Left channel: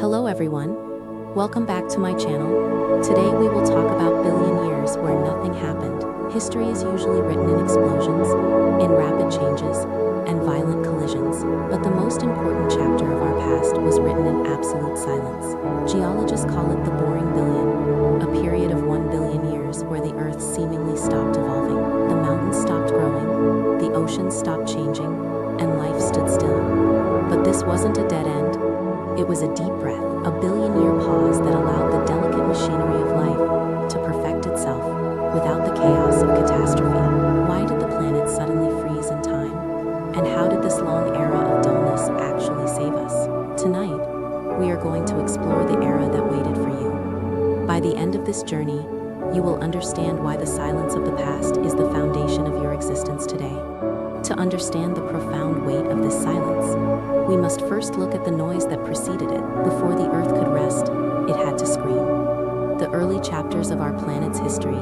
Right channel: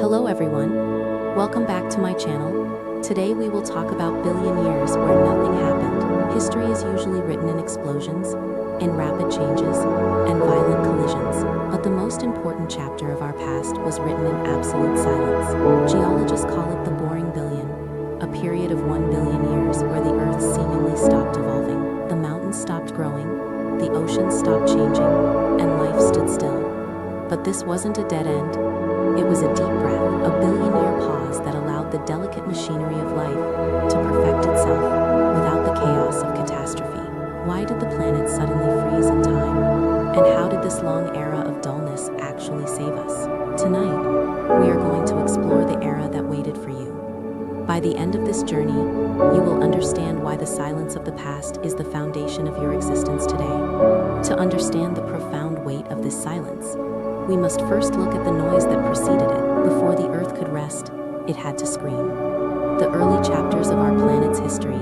Hello everyone, welcome back to my channel. Today we will talk about billion years where nothing happened. History is usually written in explosions, in rapid changes, and violent collisions. But the most important chapter of our past was written in absolute silence. Geologists call it the boring billion, a period of 1 billion years where the Earth seemingly stopped evolving. The mountains stopped growing, the oceans stopped changing, and life stood still. But this wasn't a dead end. It was a deep breath, a billion-year pause that allowed the delicate machinery of life to perfect itself without the chaos of catastrophe. Why did the planet suddenly freeze in time? And how did this long era of dullness actually save us? Tonight, we are going to explore the era that waited for you. By the end of this journey, you will understand why the silence of the past is the foundation of your existence today. To understand the profound weight of this silence, we must first look at the noise that preceded it. Before the Earth could rest, it had to scream. The early chapters of our planet's history,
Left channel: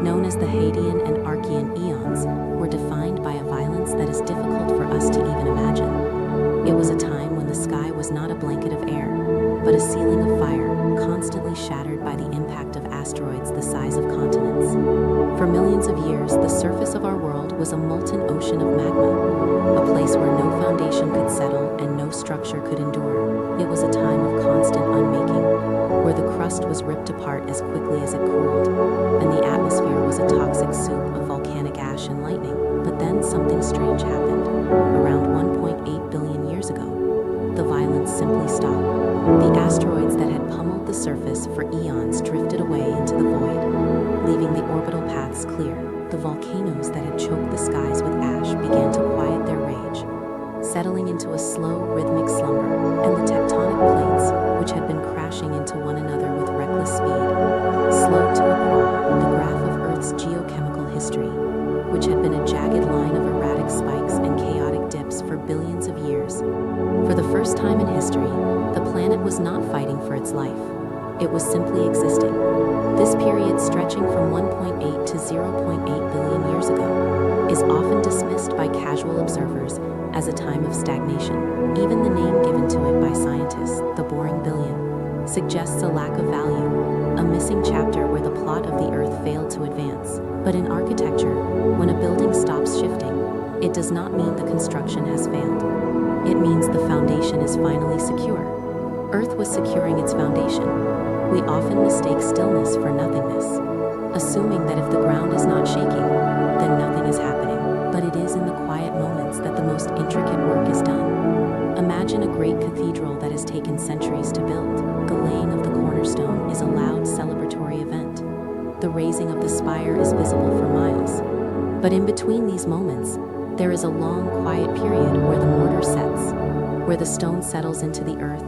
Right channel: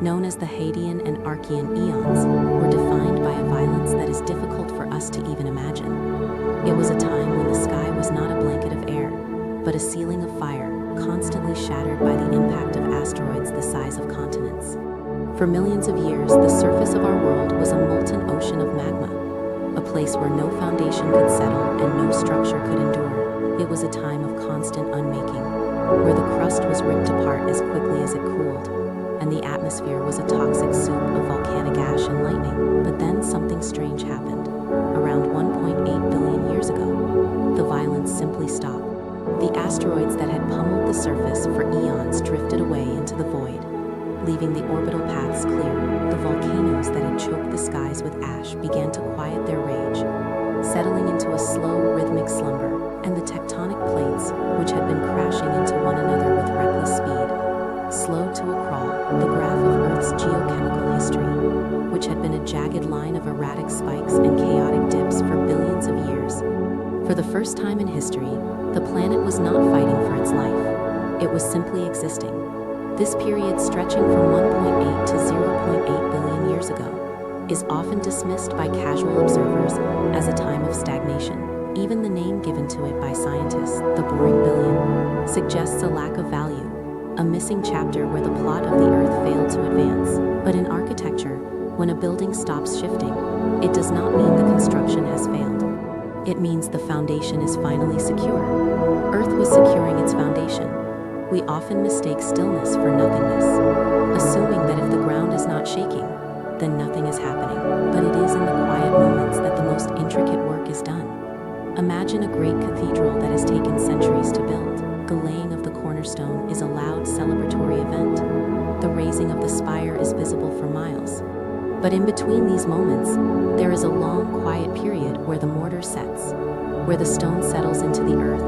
known as the Hadean and Archean eons, were defined by a violence that is difficult for us to even imagine. It was a time when the sky was not a blanket of air, but a ceiling of fire, constantly shattered by the impact of asteroids the size of continents. For millions of years, the surface of our world was a molten ocean of magma, a place where no foundation could settle and no structure could endure. It was a time of constant unmaking, where the crust was ripped apart as quickly as it cooled, and the atmosphere was a toxic soup of volcanic ash and lightning. But then something strange happened. Around 1.8 billion years ago, the violence simply stopped. The asteroids that had pummeled the surface for eons drifted away into the void, leaving the orbital paths clear. The volcanoes that had choked the skies with ash began to quiet their rage, settling into a slow, rhythmic slumber, and the tectonic plates, which had been crashing into one another with reckless speed, slowed to a crawl. The graph of Earth's geochemical history, which had been a jagged line of erratic spikes and chaotic dips for billions of years. For the first time in history, the planet was not fighting for its life. It was simply existing. This period, stretching from 1.8 to 0.8 billion years ago, is often dismissed by casual observers as a time of stagnation. Even the name given to it by scientists, the boring billion, suggests a lack of value, a missing chapter where the plot of the Earth failed to advance. But in architecture, when a building stops shifting, it does not mean the construction has failed. It means the foundation is finally secure. Earth was securing its foundation. We often mistake stillness for nothingness, assuming that if the ground is not shaking, then nothing is happening. But it is in the quiet moments that the most intricate work is done. Imagine a great cathedral that has taken centuries to build. The laying of the cornerstone is a loud celebratory event. The raising of the spire is visible for miles. But in between these moments, there is a long, quiet period where the mortar sets, where the stone settles into the earth,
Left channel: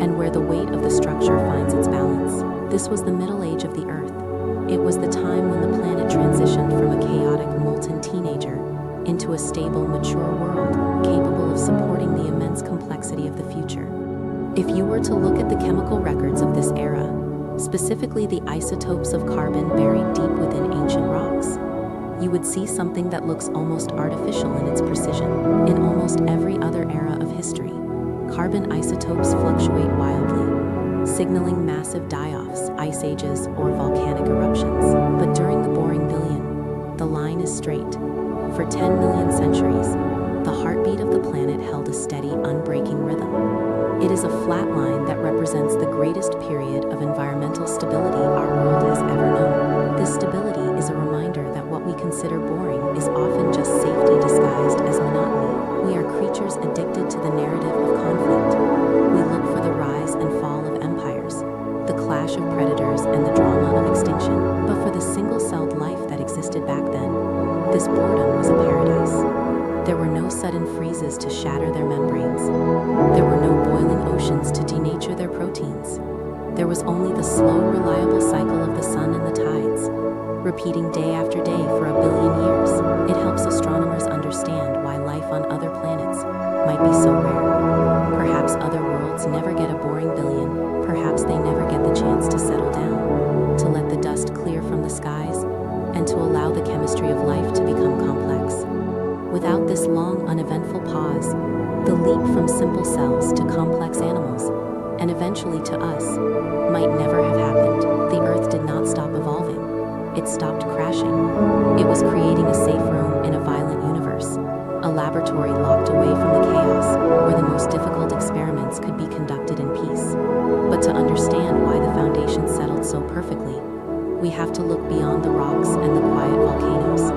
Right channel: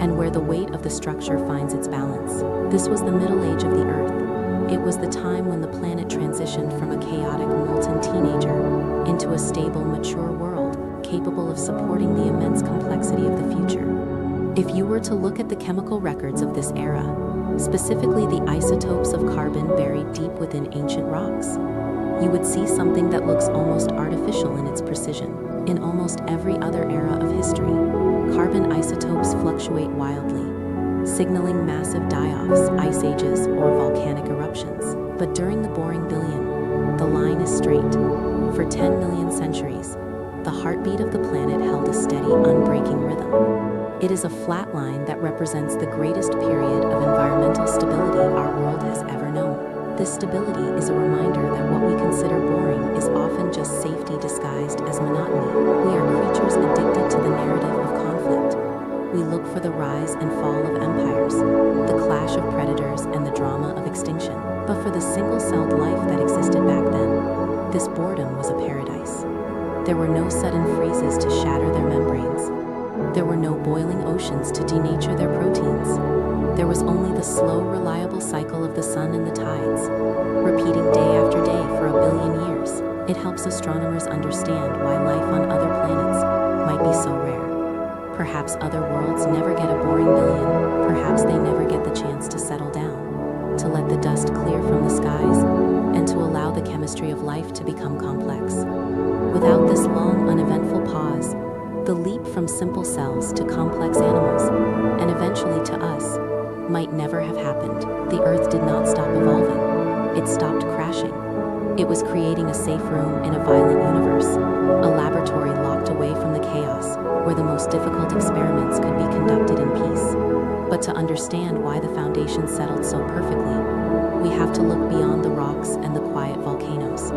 and where the weight of the structure finds its balance. This was the middle age of the Earth. It was the time when the planet transitioned from a chaotic, molten teenager into a stable, mature world, capable of supporting the immense complexity of the future. If you were to look at the chemical records of this era, specifically the isotopes of carbon buried deep within ancient rocks, you would see something that looks almost artificial in its precision. In almost every other era of history, carbon isotopes fluctuate wildly, signaling massive die-offs, ice ages, or volcanic eruptions. But during the boring billion, the line is straight. For 10 million centuries, the heartbeat of the planet held a steady, unbreaking rhythm. It is a flat line that represents the greatest period of environmental stability our world has ever known. This stability is a reminder that what we consider boring is often just safety disguised as monotony. We are creatures addicted to the narrative of conflict. We look for the rise and fall of empires, the clash of predators, and the drama of extinction. But for the single-celled life that existed back then, this boredom was a paradise. There were no sudden freezes to shatter their membranes. There were no boiling oceans to denature their proteins. There was only the slow, reliable cycle of the sun and the tides, repeating day after day for a billion years. It helps astronomers understand why life on other planets might be so rare. Perhaps other worlds never get a boring billion. Perhaps they never get the chance to settle down, to let the dust clear from the skies, and to allow the chemistry of life to become complex. Without this long, uneventful pause, the leap from simple cells to complex animals and eventually to us, might never have happened. The Earth did not stop evolving. It stopped crashing. It was creating a safe room in a violent universe, a laboratory locked away from the chaos, where the most difficult experiments could be conducted in peace. But to understand why the foundation settled so perfectly, we have to look beyond the rocks and the quiet volcanoes.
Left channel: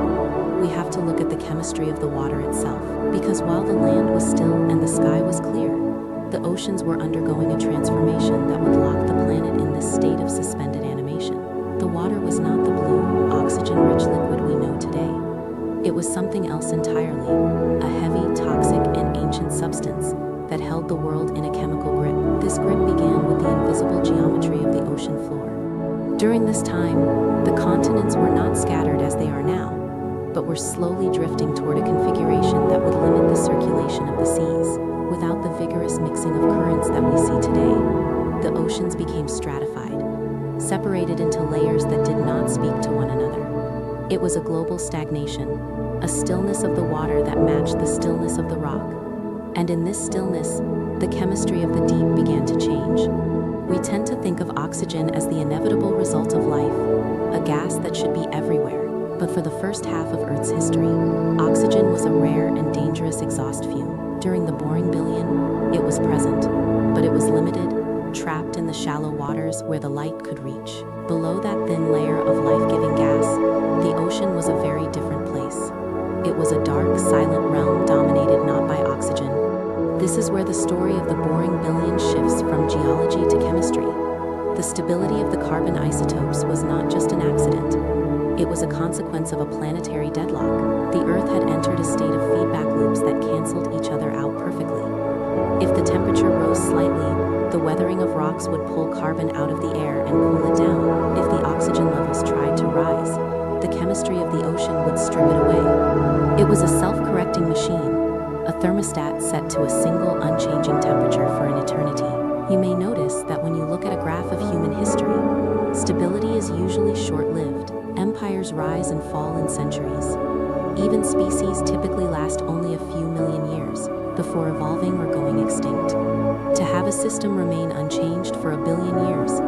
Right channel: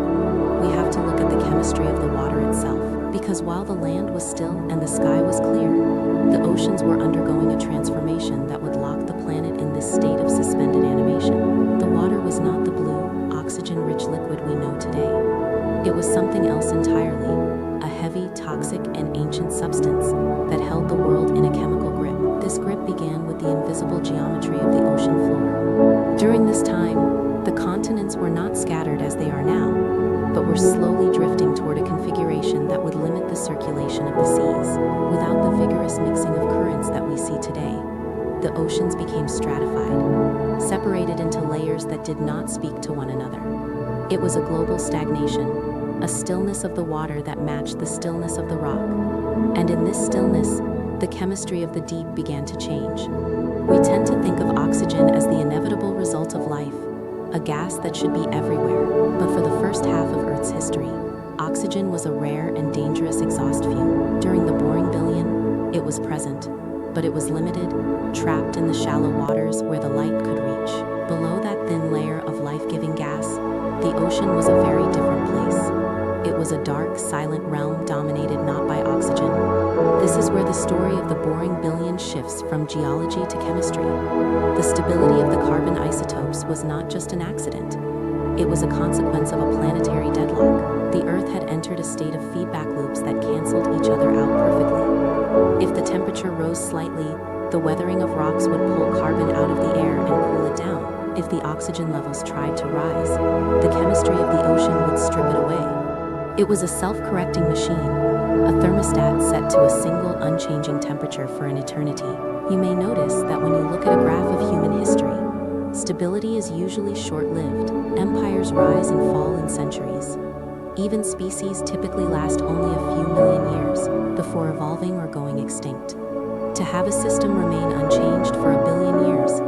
We have to look at the chemistry of the water itself, because while the land was still and the sky was clear, the oceans were undergoing a transformation that would lock the planet in this state of suspended animation. The water was not the blue, oxygen-rich liquid we know today. It was something else entirely, a heavy, toxic, and ancient substance that held the world in a chemical grip. This grip began with the invisible geometry of the ocean floor. During this time, the continents were not scattered as they are now, but were slowly drifting toward a configuration that would limit the circulation of the seas. Without the vigorous mixing of currents that we see today, the oceans became stratified, separated into layers that did not speak to one another. It was a global stagnation, a stillness of the water that matched the stillness of the rock. And in this stillness, the chemistry of the deep began to change. We tend to think of oxygen as the inevitable result of life, a gas that should be everywhere. But for the first half of Earth's history, oxygen was a rare and dangerous exhaust fume. During the boring billion, it was present, but it was limited, trapped in the shallow waters where the light could reach. Below that thin layer of life-giving gas, the ocean was a very different place. It was a dark, silent realm dominated not by oxygen. This is where the story of the boring billion shifts from geology to chemistry. The stability of the carbon isotopes was not just an accident. It was a consequence of a planetary deadlock. The Earth had entered a state of feedback loops that canceled each other out perfectly. If the temperature rose slightly, the weathering of rocks would pull carbon out of the air and cool it down. If the oxygen levels tried to rise, the chemistry of the ocean would strip it away. It was a self-correcting machine, a thermostat set to a single unchanging temperature for an eternity. You may notice that when you look at a graph of human history, stability is usually short-lived. Empires rise and fall in centuries. Even species typically last only a few million years before evolving or going extinct. To have a system remain unchanged for a billion years,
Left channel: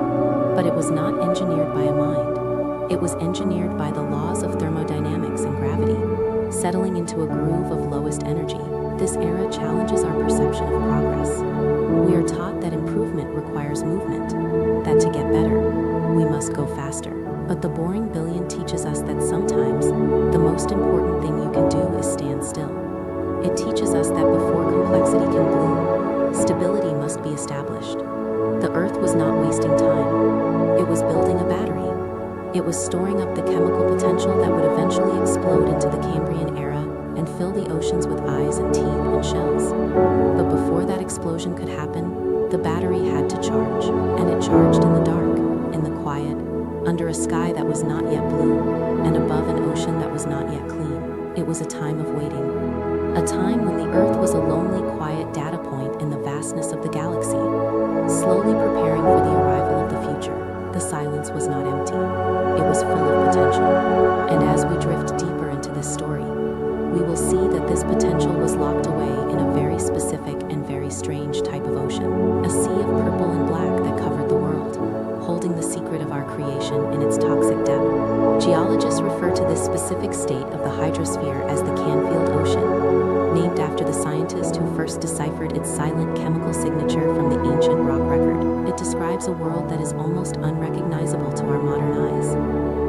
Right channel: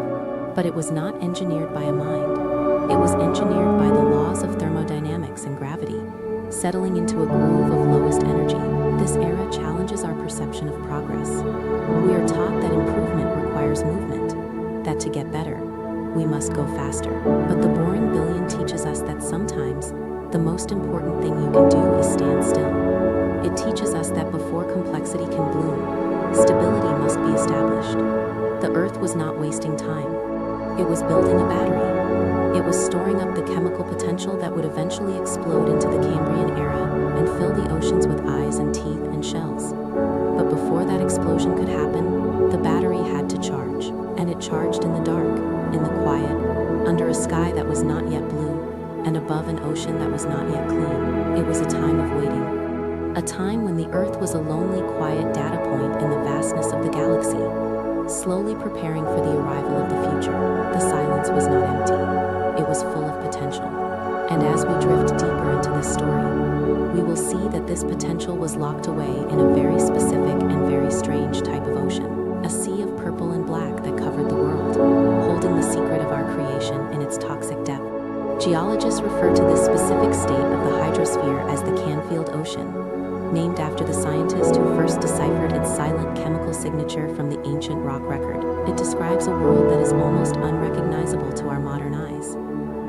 but it was not engineered by a mind. It was engineered by the laws of thermodynamics and gravity, settling into a groove of lowest energy. This era challenges our perception of progress. We are taught that improvement requires movement, that to get better, we must go faster. But the boring billion teaches us that sometimes the most important thing you can do is stand still. It teaches us that before complexity can bloom, stability must be established. The Earth was not wasting time. It was building a battery. It was storing up the chemical potential that would eventually explode into the Cambrian era and fill the oceans with eyes and teeth and shells. But before that explosion could happen, the battery had to charge. And it charged in the dark, in the quiet, under a sky that was not yet blue, and above an ocean that was not yet clean. It was a time of waiting. A time when the Earth was a lonely, quiet data point in the vastness of the galaxy, slowly preparing for the arrival of the future. The silence was not empty. It was full of potential. And as we drift deeper into this story, we will see that this potential was locked away in a very specific and very strange type of ocean, a sea of purple and black that covered the world, holding the secret of our creation in its toxic depth. Geologists refer to this specific state of the hydrosphere as the Canfield Ocean, named after the scientist who first deciphered its silent chemical signature from the ancient rock record. It describes a world that is almost unrecognizable to our modern eyes,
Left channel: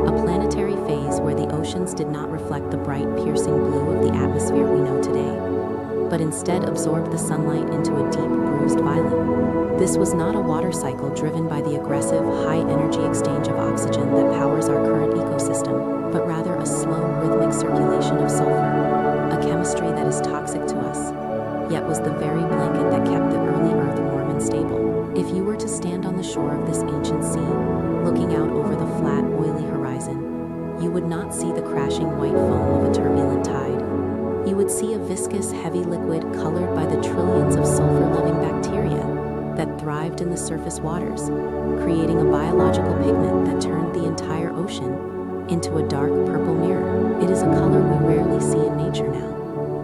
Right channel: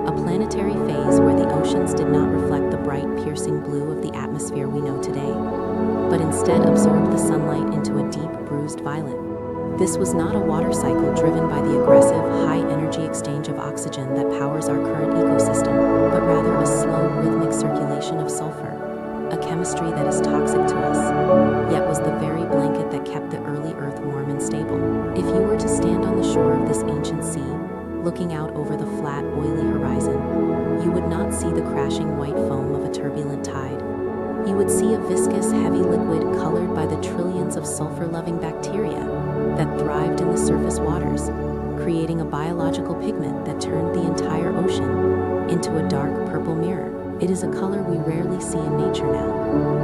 a planetary phase where the oceans did not reflect the bright, piercing blue of the atmosphere we know today, but instead absorbed the sunlight into a deep, bruised violet. This was not a water cycle driven by the aggressive, high-energy exchange of oxygen that powers our current ecosystem, but rather a slow, rhythmic circulation of sulfur, a chemistry that is toxic to us, yet was the very blanket that kept the early Earth warm and stable. If you were to stand on the shore of this ancient sea, looking out over the flat, oily horizon, you would not see the crashing white foam of a turbulent tide. You would see a viscous, heavy liquid colored by the trillions of sulfur-loving bacteria that thrived in the surface waters, creating a biological pigment that turned the entire ocean into a dark purple mirror. It is a color we rarely see in nature now,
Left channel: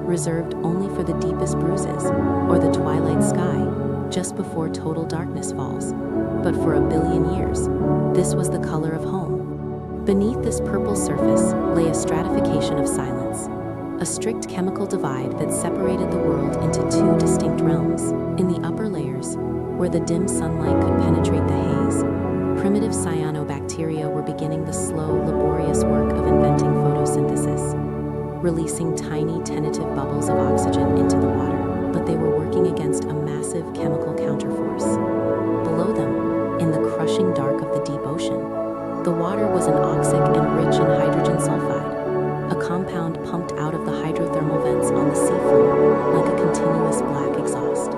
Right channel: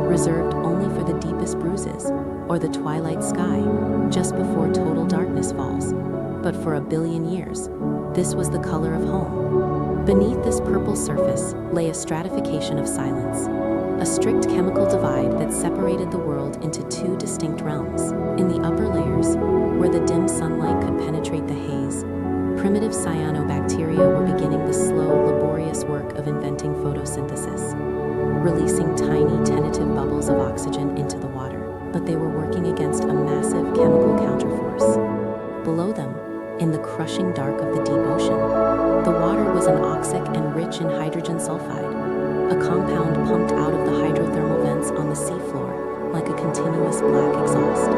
reserved only for the deepest bruises or the twilight sky, just before total darkness falls. But for a billion years, this was the color of home. Beneath this purple surface lay a stratification of silence, a strict chemical divide that separated the world into two distinct realms. In the upper layers, where the dim sunlight could penetrate the haze, primitive cyanobacteria were beginning the slow, laborious work of inventing photosynthesis, releasing tiny, tentative bubbles of oxygen into the water. But they were working against a massive chemical counterforce. Below them, in the crushing dark of the deep ocean, the water was anoxic and rich in hydrogen sulfide, a compound pumped out of the hydrothermal vents on the seafloor like a continuous black exhaust.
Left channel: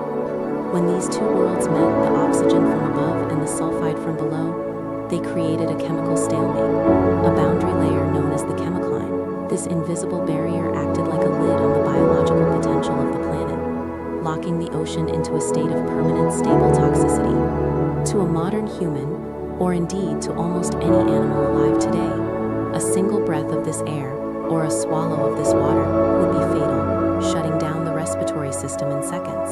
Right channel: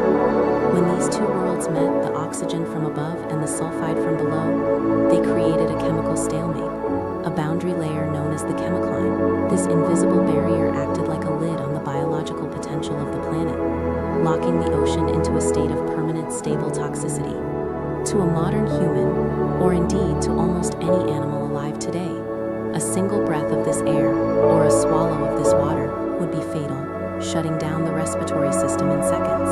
When these two worlds met, the oxygen from above and the sulfide from below, they created a chemical stalemate, a boundary layer known as the chemicline. This invisible barrier acted like a lid on the biological potential of the planet, locking the ocean into a state of permanent, stable toxicity. To a modern human, or indeed to almost any animal alive today, a single breath of this air, or a swallow of this water, would be fatal, shutting down the respiratory system in seconds.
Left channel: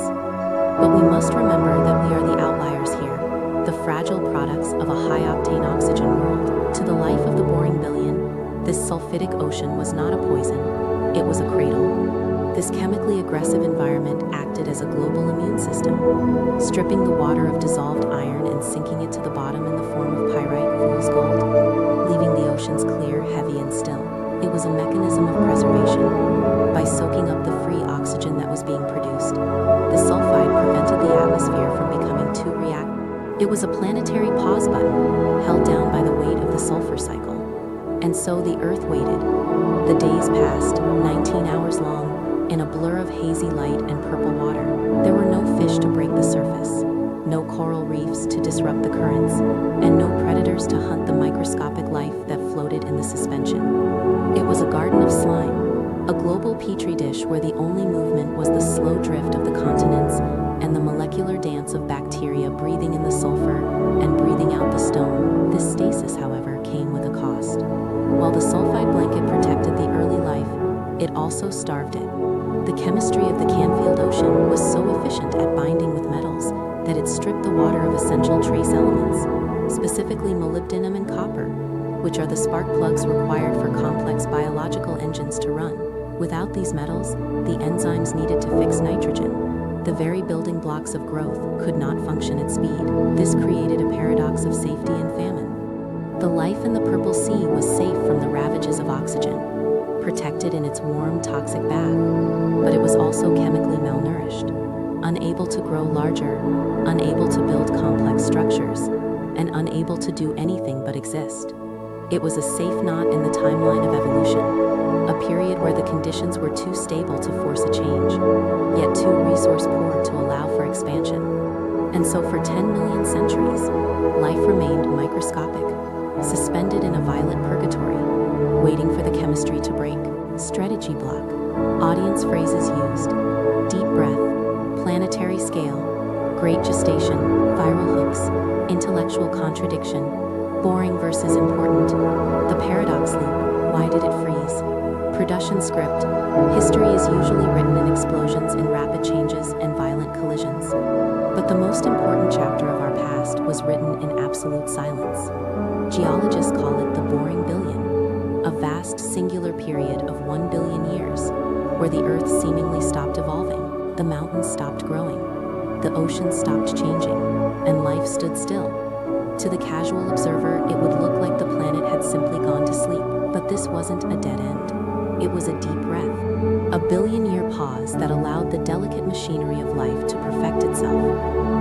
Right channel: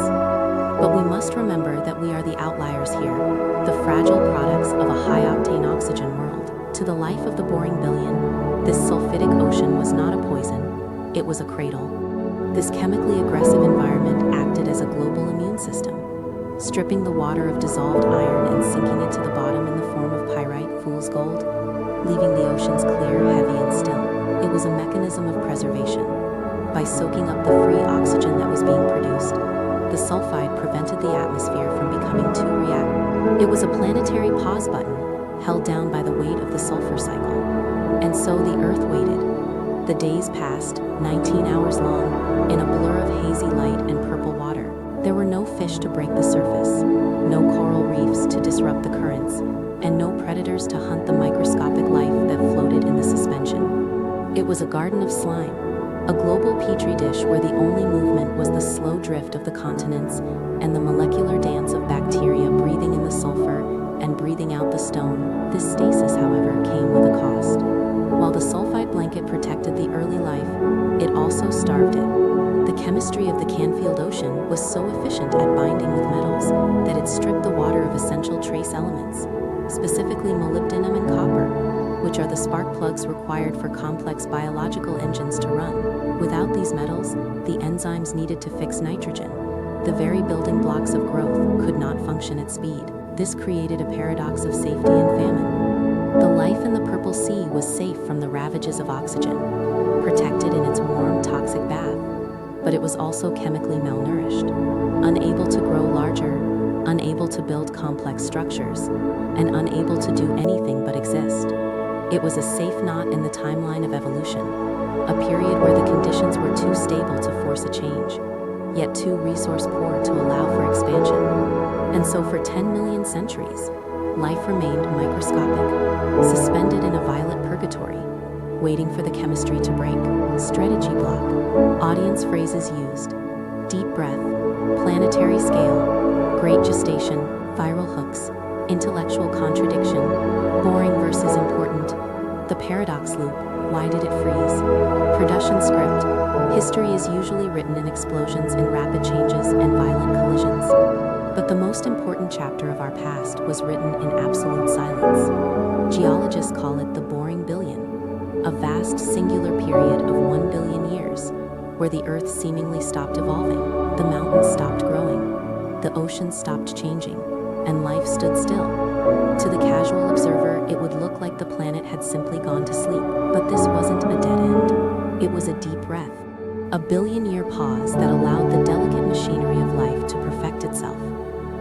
But we must remember that we are the outliers here, the fragile products of a high-octane oxygen world. To the life of the boring billion, this sulfidic ocean was not a poison, it was a cradle. This chemically aggressive environment acted as a global immune system, stripping the water of dissolved iron and sinking it to the bottom in the form of pyrite, fool's gold, leaving the oceans clear, heavy, and still. It was a mechanism of preservation. By soaking up the free oxygen that was being produced, the sulfide prevented the atmosphere from becoming too reactive. It was a planetary pause button, held down by the weight of the sulfur cycle. And so the Earth waited. The days passed, 19 hours long, in a blur of hazy light and purple water. There were no fish to break the surface, no coral reefs to disrupt the currents, and no predators to hunt the microscopic life that floated in the suspension. It was a garden of slime, a global petri dish where the only movement was the slow drift of the continents and the molecular dance of bacteria breathing in the sulfur and breathing out the stone. This stasis, however, came with a cost. While the sulfide blanket protected the early life, it also starved it. The chemistry of the Canfield Ocean was so efficient at binding with metals that it stripped the water of essential trace elements, specifically molybdenum and copper, which are the spark plugs required for complex biological engines to run. Without these metals, the enzymes needed to fix nitrogen, the very building blocks of growth, could not function at speed. This created a paradox of safety and famine. The life in the Purple Sea was safe from the ravages of oxygen, protected in its warm, toxic bath, but it was also chemically malnourished, unable to grow larger, unable to build complex structures, and unable to do anything but exist. It was a safe knot in the timeline of evolution, a period where the conditions were too stable to force a change, yet too resource-poor to allow for expansion. And so for 10 million centuries, life remained microscopic, suspended in a violet purgatory, waiting for the chemistry to break. Strategy block. Audience phrases used: deep breath, planetary scale, great gestation, viral hooks, intellectual contradiction, boring versus important, the paradox loop, why did it freeze? Production script. History is usually written in explosions, in rapid changes, and violent collisions. But the most important chapter of our past was written in absolute silence. Geologists call it the boring billion, a vast singular period of 1 billion years, where the Earth seemingly stopped evolving, the mountains stopped growing, the oceans stopped changing, and life stood still. To the casual observer, it would look like the planet had simply gone to sleep. But this wasn't a dead end. It was a deep breath, a billion-year pause that allowed the delicate machinery of life to perfect itself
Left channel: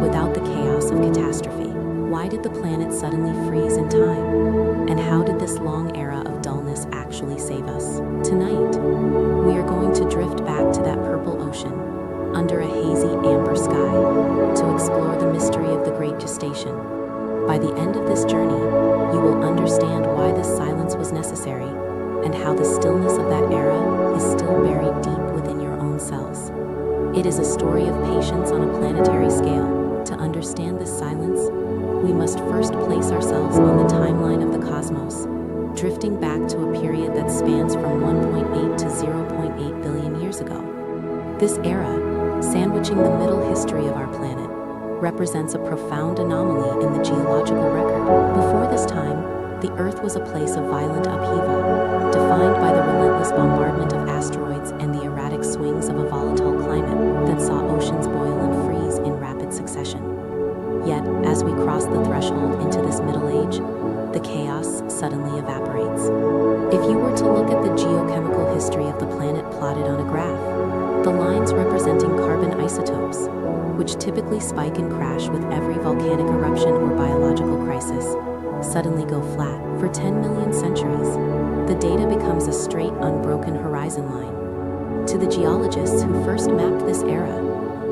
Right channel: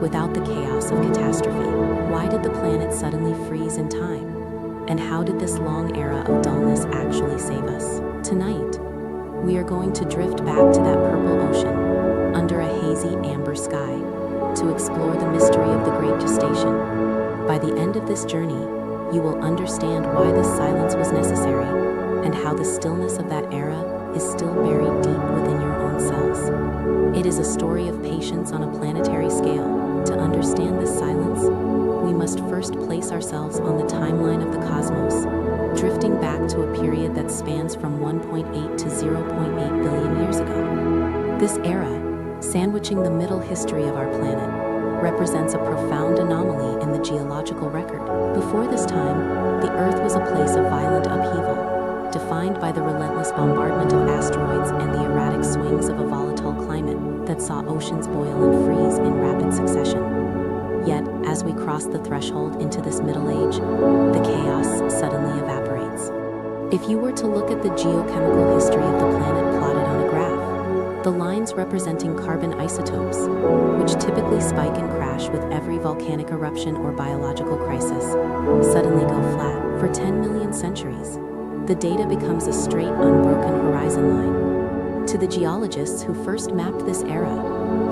without the chaos of catastrophe. Why did the planet suddenly freeze in time? And how did this long era of dullness actually save us? Tonight, we are going to drift back to that purple ocean under a hazy amber sky to explore the mystery of the Great Gestation. By the end of this journey, you will understand why this silence was necessary and how the stillness of that era is still buried deep within your own cells. It is a story of patience on a planetary scale. To understand this silence, we must first place ourselves on the timeline of the cosmos, drifting back to a period that spans from 1.8 to 0.8 billion years ago. This era, sandwiching the middle history of our planet, represents a profound anomaly in the geological record. Before this time, the Earth was a place of violent upheaval, defined by the relentless bombardment of asteroids and the erratic swings of a volatile climate that saw oceans boil and freeze in rapid succession. Yet, as we cross the threshold into this Middle Age, the chaos suddenly evaporates. If you were to look at the geochemical history of the planet plotted on a graph, the lines representing carbon isotopes, which typically spike and crash with every volcanic eruption or biological crisis, suddenly go flat. For 10 million centuries, the data becomes a straight, unbroken horizon line. To the geologists who first mapped this era,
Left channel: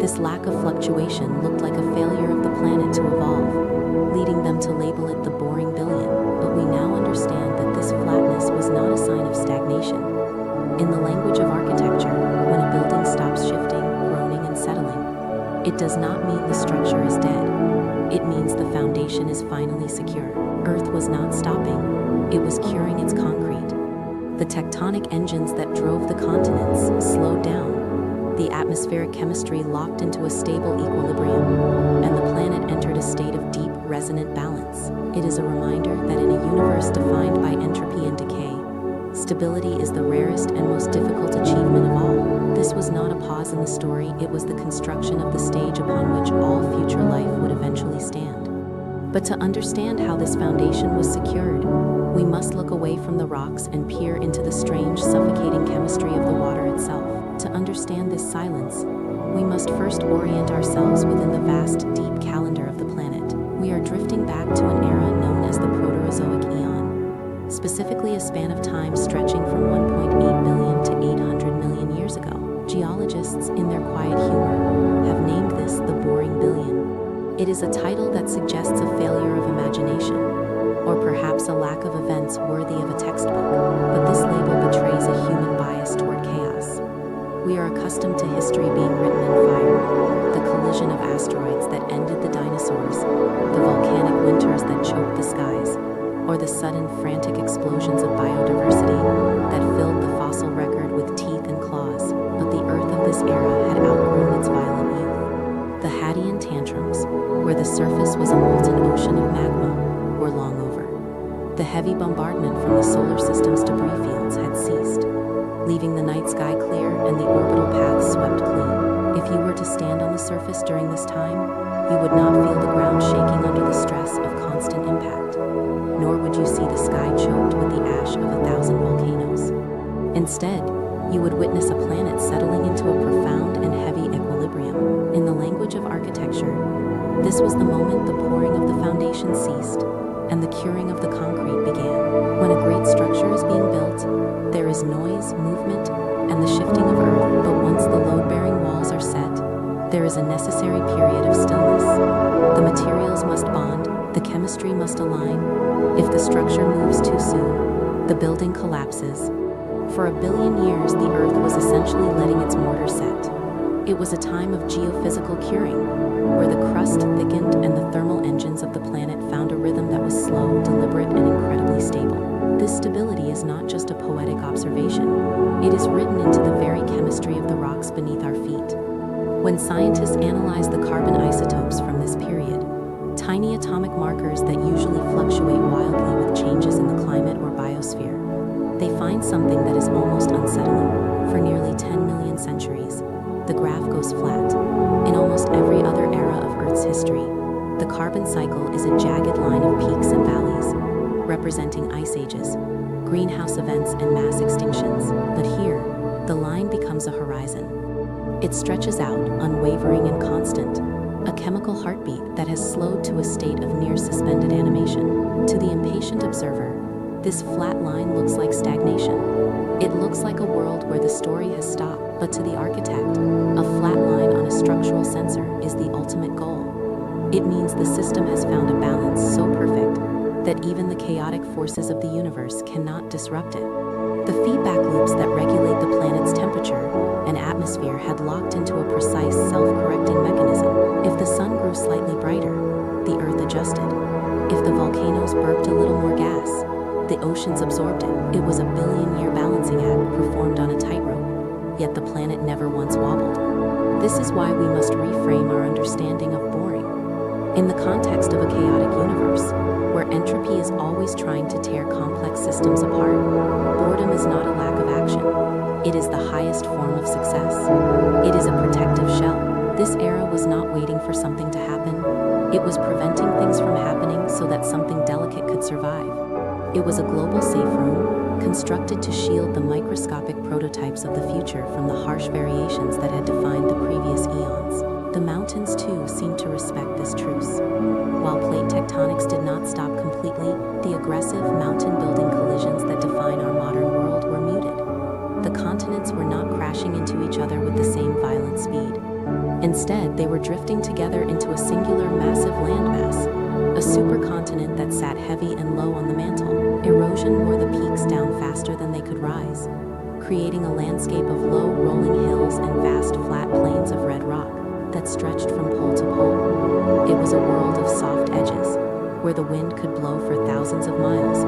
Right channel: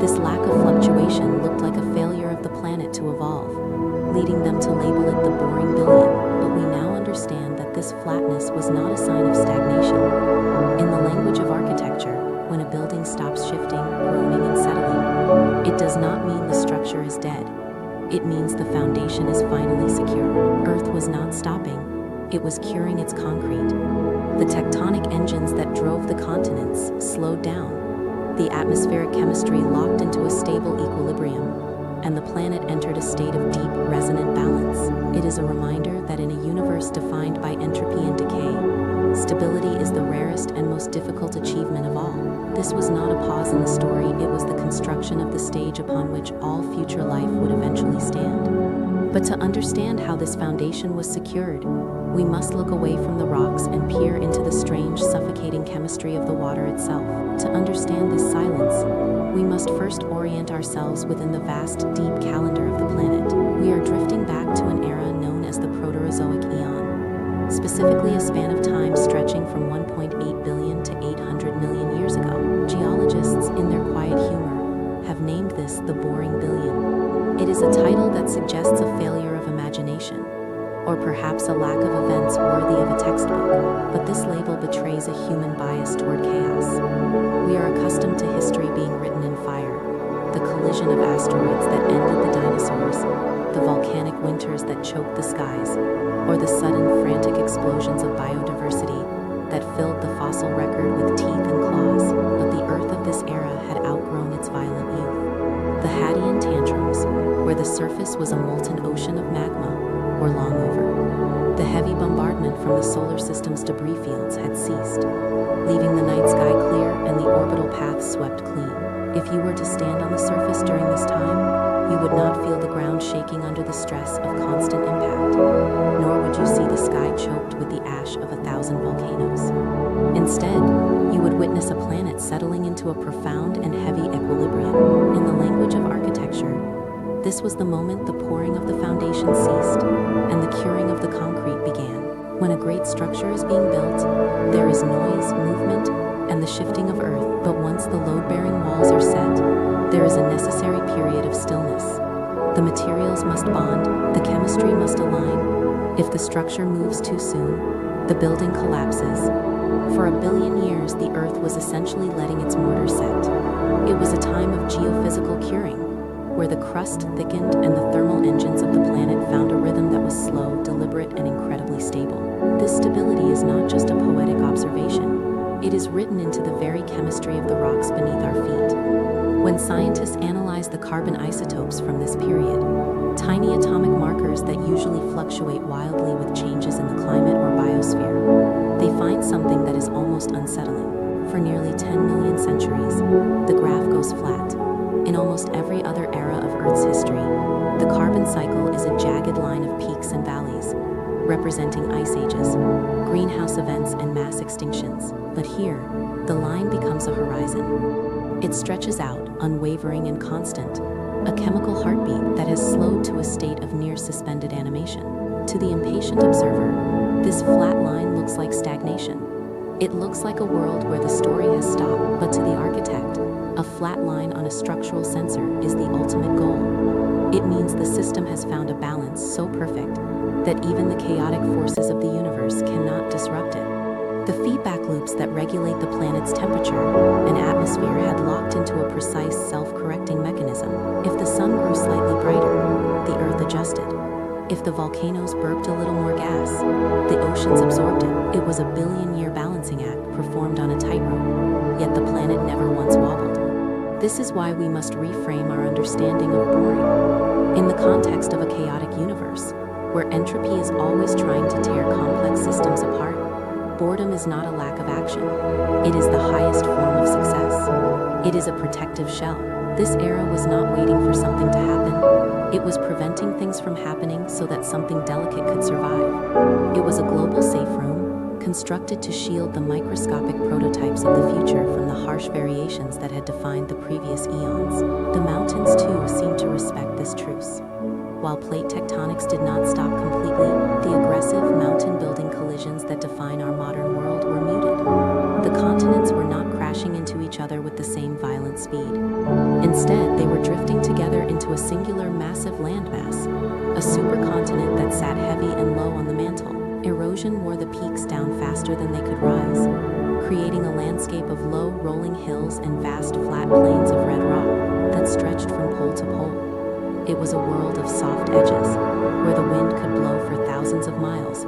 this lack of fluctuation looked like a failure of the planet to evolve, leading them to label it the boring billion. But we now understand that this flatness was not a sign of stagnation. In the language of architecture, when a building stops shifting, groaning, and settling, it does not mean the structure is dead. It means the foundation is finally secure. Earth was not stopping, it was curing its concrete. The tectonic engines that drove the continents slowed down. The atmospheric chemistry locked into a stable equilibrium, and the planet entered a state of deep, resonant balance. It is a reminder that in a universe defined by entropy and decay, stability is the rarest and most difficult achievement of all. This was not a pause in the story, it was the construction of the stage upon which all future life would eventually stand. But to understand how this foundation was secured, we must look away from the rocks and peer into the strange, suffocating chemistry of the water itself. To understand this silence, we must first orient ourselves within the vast, deep calendar of the planet. We are drifting back to an era known as the Proterozoic Eon, specifically a span of time stretching from 1.8 billion to 800 million years ago. Geologists, in their quiet humor, have named this the boring billion. It is a title that suggests a failure of imagination, or perhaps a lack of events worthy of a textbook, but this label betrays a human bias toward chaos. We are accustomed to history being written in fire, the collision of asteroids that ended the dinosaurs, the volcanic winters that choked the skies, or the sudden frantic explosions of biodiversity that filled the fossil record with teeth and claws. But the Earth of this era had outgrown its violent youth. The Hadean tantrums, where the surface was a molten ocean of magma, were long over. The heavy bombardment from the solar system's debris fields had ceased, leaving the night sky clear and the orbital paths swept clean. If you were to stand on the surface during this time, you would not feel the ground shaking under the stress of constant impact, nor would you see the sky choked with the ash of 1,000 volcanoes. Instead, you would witness a planet settling into a profound and heavy equilibrium. In the language of architecture, this was the moment the pouring of the foundation ceased and the curing of the concrete began. When a great structure is being built, there is noise, movement, and the shifting of earth. But once the load-bearing walls are set, there is a necessary period of stillness. The materials must bond, the chemistry must align. If the structure moves too soon, the building collapses. For 1 billion years, the Earth was essentially letting its mortar set. It was a time of geophysical curing, where the crust thickened and the thermal engines of the planet found a rhythm that was slow, deliberate, and incredibly stable. This stability is not just a poetic observation. It is written into the very chemistry of the rocks beneath our feet. When scientists analyze the carbon isotopes from this period, tiny atomic markers that usually fluctuate wildly with changes in the climate or biosphere, they find something that is almost unsettling. For nearly 10 million centuries, the graph goes flat. In almost every other era of Earth's history, the carbon cycle is a jagged line of peaks and valleys, representing ice ages, greenhouse events, and mass extinctions. But here, the line becomes a horizon. It stretches out, unwavering and constant, a chemical heartbeat that has slowed to a state of near-suspended animation. To the impatient observer, this flat line looks like stagnation. It looks like a world where the story has stopped. But to the architect, a flat line on a structural sensor is the ultimate goal. It means the system has found a balance so perfect that even the chaotic forces of the universe cannot disrupt it. The feedback loops that regulate the planet's temperature and atmosphere had locked into a precise self-correcting mechanism. If the sun grew slightly brighter, the Earth adjusted. If the volcanoes burped a little more gas, the oceans absorbed it. It was a billion-year balancing act performed on a tightrope, yet the planet never once wobbled. This is why we must reframe our understanding of boring. In the context of a chaotic universe, where entropy is always trying to tear complex systems apart, boredom is not a lack of action. It is the highest form of success. It is a protective shell. This era was not waiting for something to happen. It was preventing things from happening so that something delicate could survive. It was a global safe room, constructed to shield the microscopic prototypes of the future from the harsh variations that had defined the previous eons. The mountains, too, seemed to respect this truce. While plate tectonics did not stop completely, the aggressive mountain-building collisions that define our modern world were muted. The continents were not crashing into each other with the same violent speed. Instead, they were drifting together into a singular massive landmass, a supercontinent that sat heavy and low on the mantle. Erosion wore the peaks down faster than they could rise, creating a landscape of low, rolling hills and vast, flat plains of red rock that stretched from pole to pole. It was a world of soft edges, where the wind could blow for thousands of miles.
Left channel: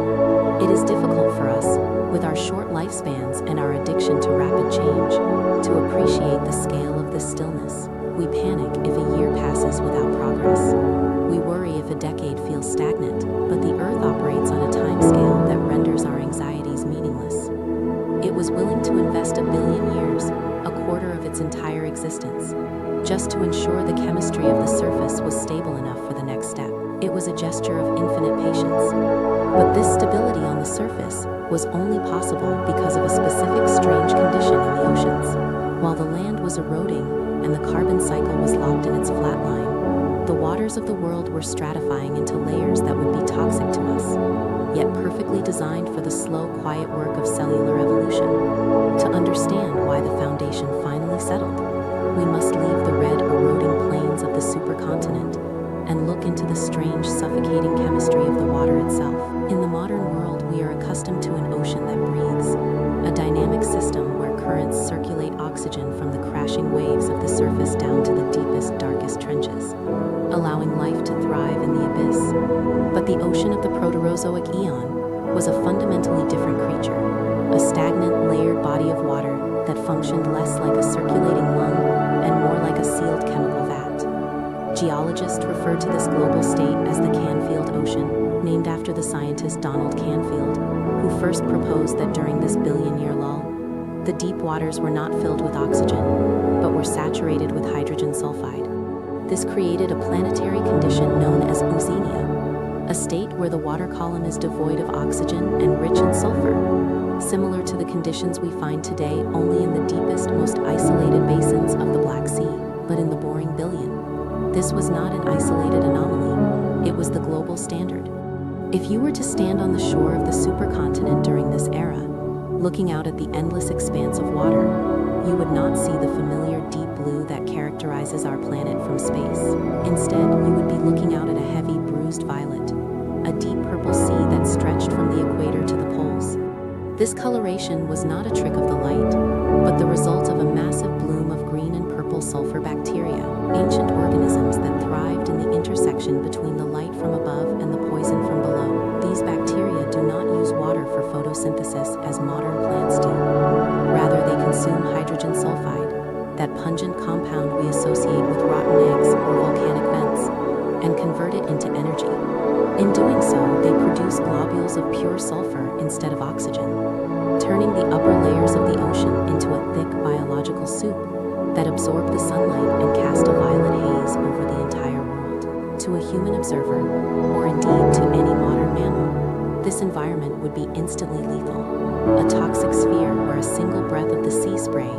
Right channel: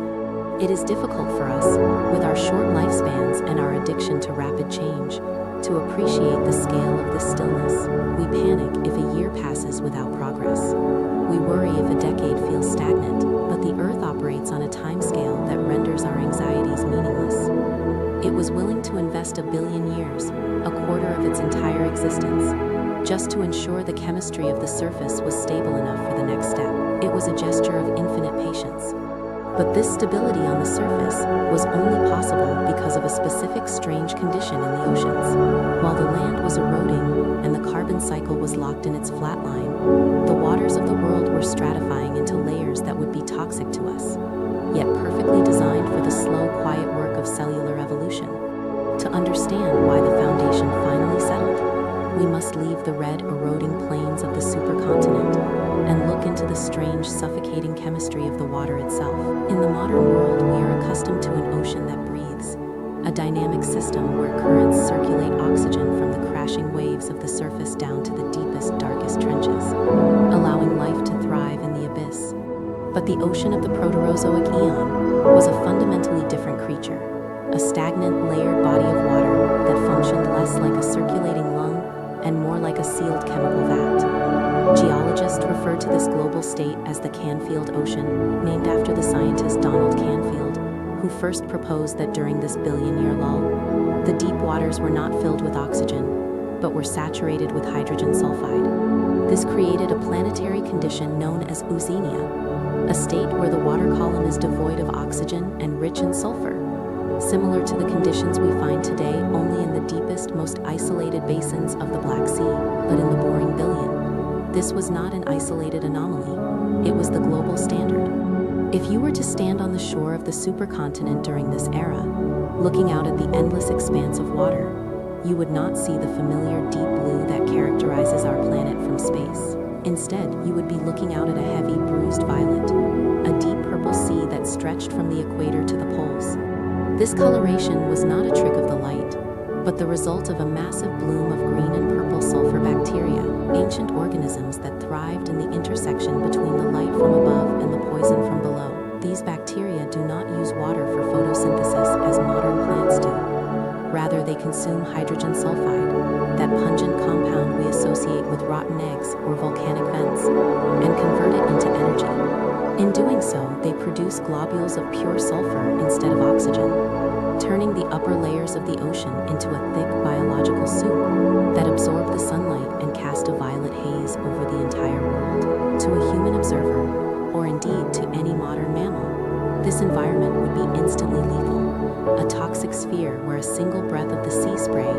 It is difficult for us, with our short lifespans and our addiction to rapid change, to appreciate the scale of this stillness. We panic if a year passes without progress. We worry if a decade feels stagnant, but the Earth operates on a timescale that renders our anxieties meaningless. It was willing to invest 1 billion years, a quarter of its entire existence, just to ensure the chemistry of the surface was stable enough for the next step. It was a gesture of infinite patience. But this stability on the surface was only possible because of a specific strange condition in the oceans. While the land was eroding and the carbon cycle was locked in its flat line, the waters of the world were stratifying into layers that would be toxic to us, yet perfectly designed for the slow, quiet work of cellular evolution. To understand why the foundation finally settled, we must leave the red, eroding plains of the supercontinent and look into the strange, suffocating chemistry of the water itself. In the modern world, we are accustomed to an ocean that breathes, a dynamic system where currents circulate oxygen from the crashing waves of the surface down to the deepest, darkest trenches, allowing life to thrive in the abyss. But the ocean of the Proterozoic eon was a fundamentally different creature, a stagnant, layered body of water that functioned less like a circulating lung and more like a sealed chemical vat. Geologists refer to this global state as the Canfield Ocean, named after the scientist Donald Canfield, who first proposed that during this billion-year lull, the deep waters were not filled with oxygen, but were saturated with hydrogen sulfide. This created a planetary condition known as oceania, a state where the water column is devoid of oxygen and rich in sulfur, similar to the conditions we find today only in the deepest, most isolated basins of the Black Sea, but in the boring billion. This was not an isolated anomaly, it was the global standard. If you were to stand on the shore of the supercontinent during this era, looking out at the endless expanse of water, you would not see the familiar deep blue that characterizes our planet from space. Instead, you would be looking out at a heavy, bruised violet, a deep purple sea that stretched from the equator to the poles. This coloration was not a trick of the light, but the result of a massive bloom of green and purple sulfur bacteria, ancient organisms that thrived in the intersection between the light from above and the poison from below. These bacteria do not use water for photosynthesis as modern plants do. Rather, they consume hydrogen sulfide, that pungent compound we associate with rotten eggs or volcanic vents, and convert it into energy. In doing so, they produce globules of pure sulfur instead of oxygen, turning the upper layers of the ocean into a thick biological soup that absorbed the sunlight and cast a violet haze over the entire world. To a human observer, or indeed to any modern mammal, this environment would be instantly lethal, a toxic sphere where a single breath of the sea spray.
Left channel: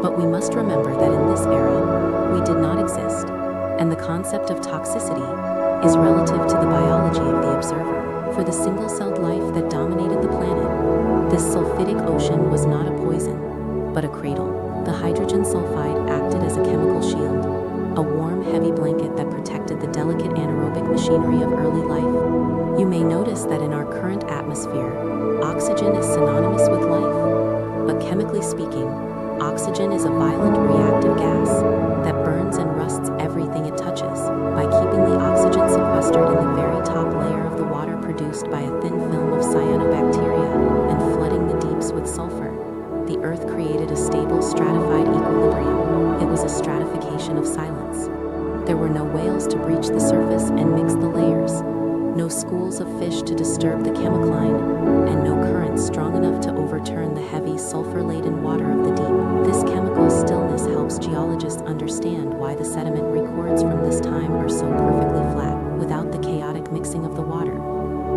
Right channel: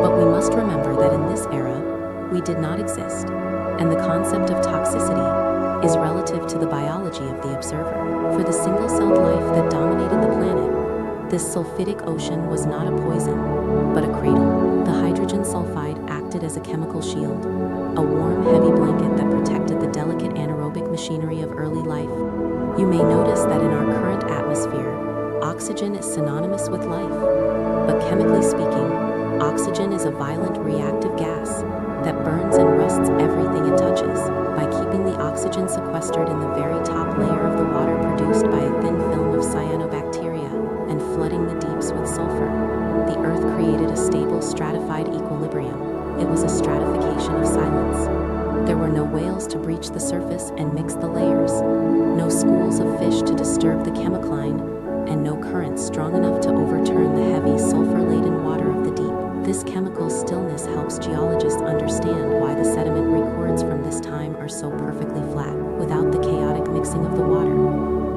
But we must remember that in this era, we did not exist, and the concept of toxicity is relative to the biology of the observer. For the single-celled life that dominated the planet, this sulfidic ocean was not a poison, but a cradle. The hydrogen sulfide acted as a chemical shield, a warm, heavy blanket that protected the delicate anaerobic machinery of early life. You may notice that in our current atmosphere, oxygen is synonymous with life. But chemically speaking, oxygen is a violent reactive gas that burns and rusts everything it touches. By keeping the oxygen sequestered in the very top layer of the water produced by a thin film of cyanobacteria and flooding the deeps with sulfur, the Earth created a stable, stratified equilibrium. It was a stratification of silence. There were no whales to breach the surface and mix the layers, no schools of fish to disturb the chemicline, and no currents strong enough to overturn the heavy, sulfur-laden water of the deep. This chemical stillness helps geologists understand why the sediment records from this time are so perfectly flat. Without the chaotic mixing of the water,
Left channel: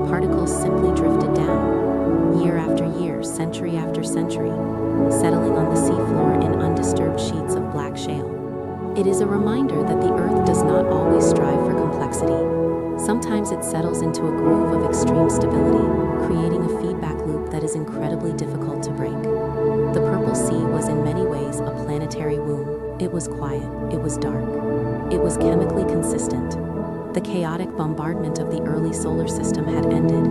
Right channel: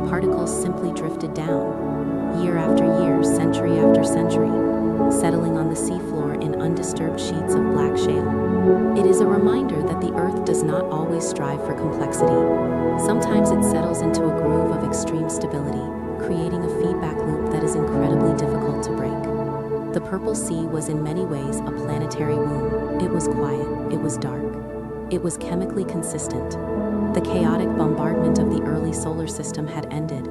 particles simply drifted down, year after year, century after century, settling on the seafloor in undisturbed sheets of black shale. It is a reminder that the Earth does not always strive for complexity. Sometimes it settles into a groove of extreme stability, creating a feedback loop that is incredibly difficult to break. The Purple Sea was in many ways a planetary womb. It was quiet, it was dark, it was chemically consistent. The chaotic bombardment of the early solar system had ended,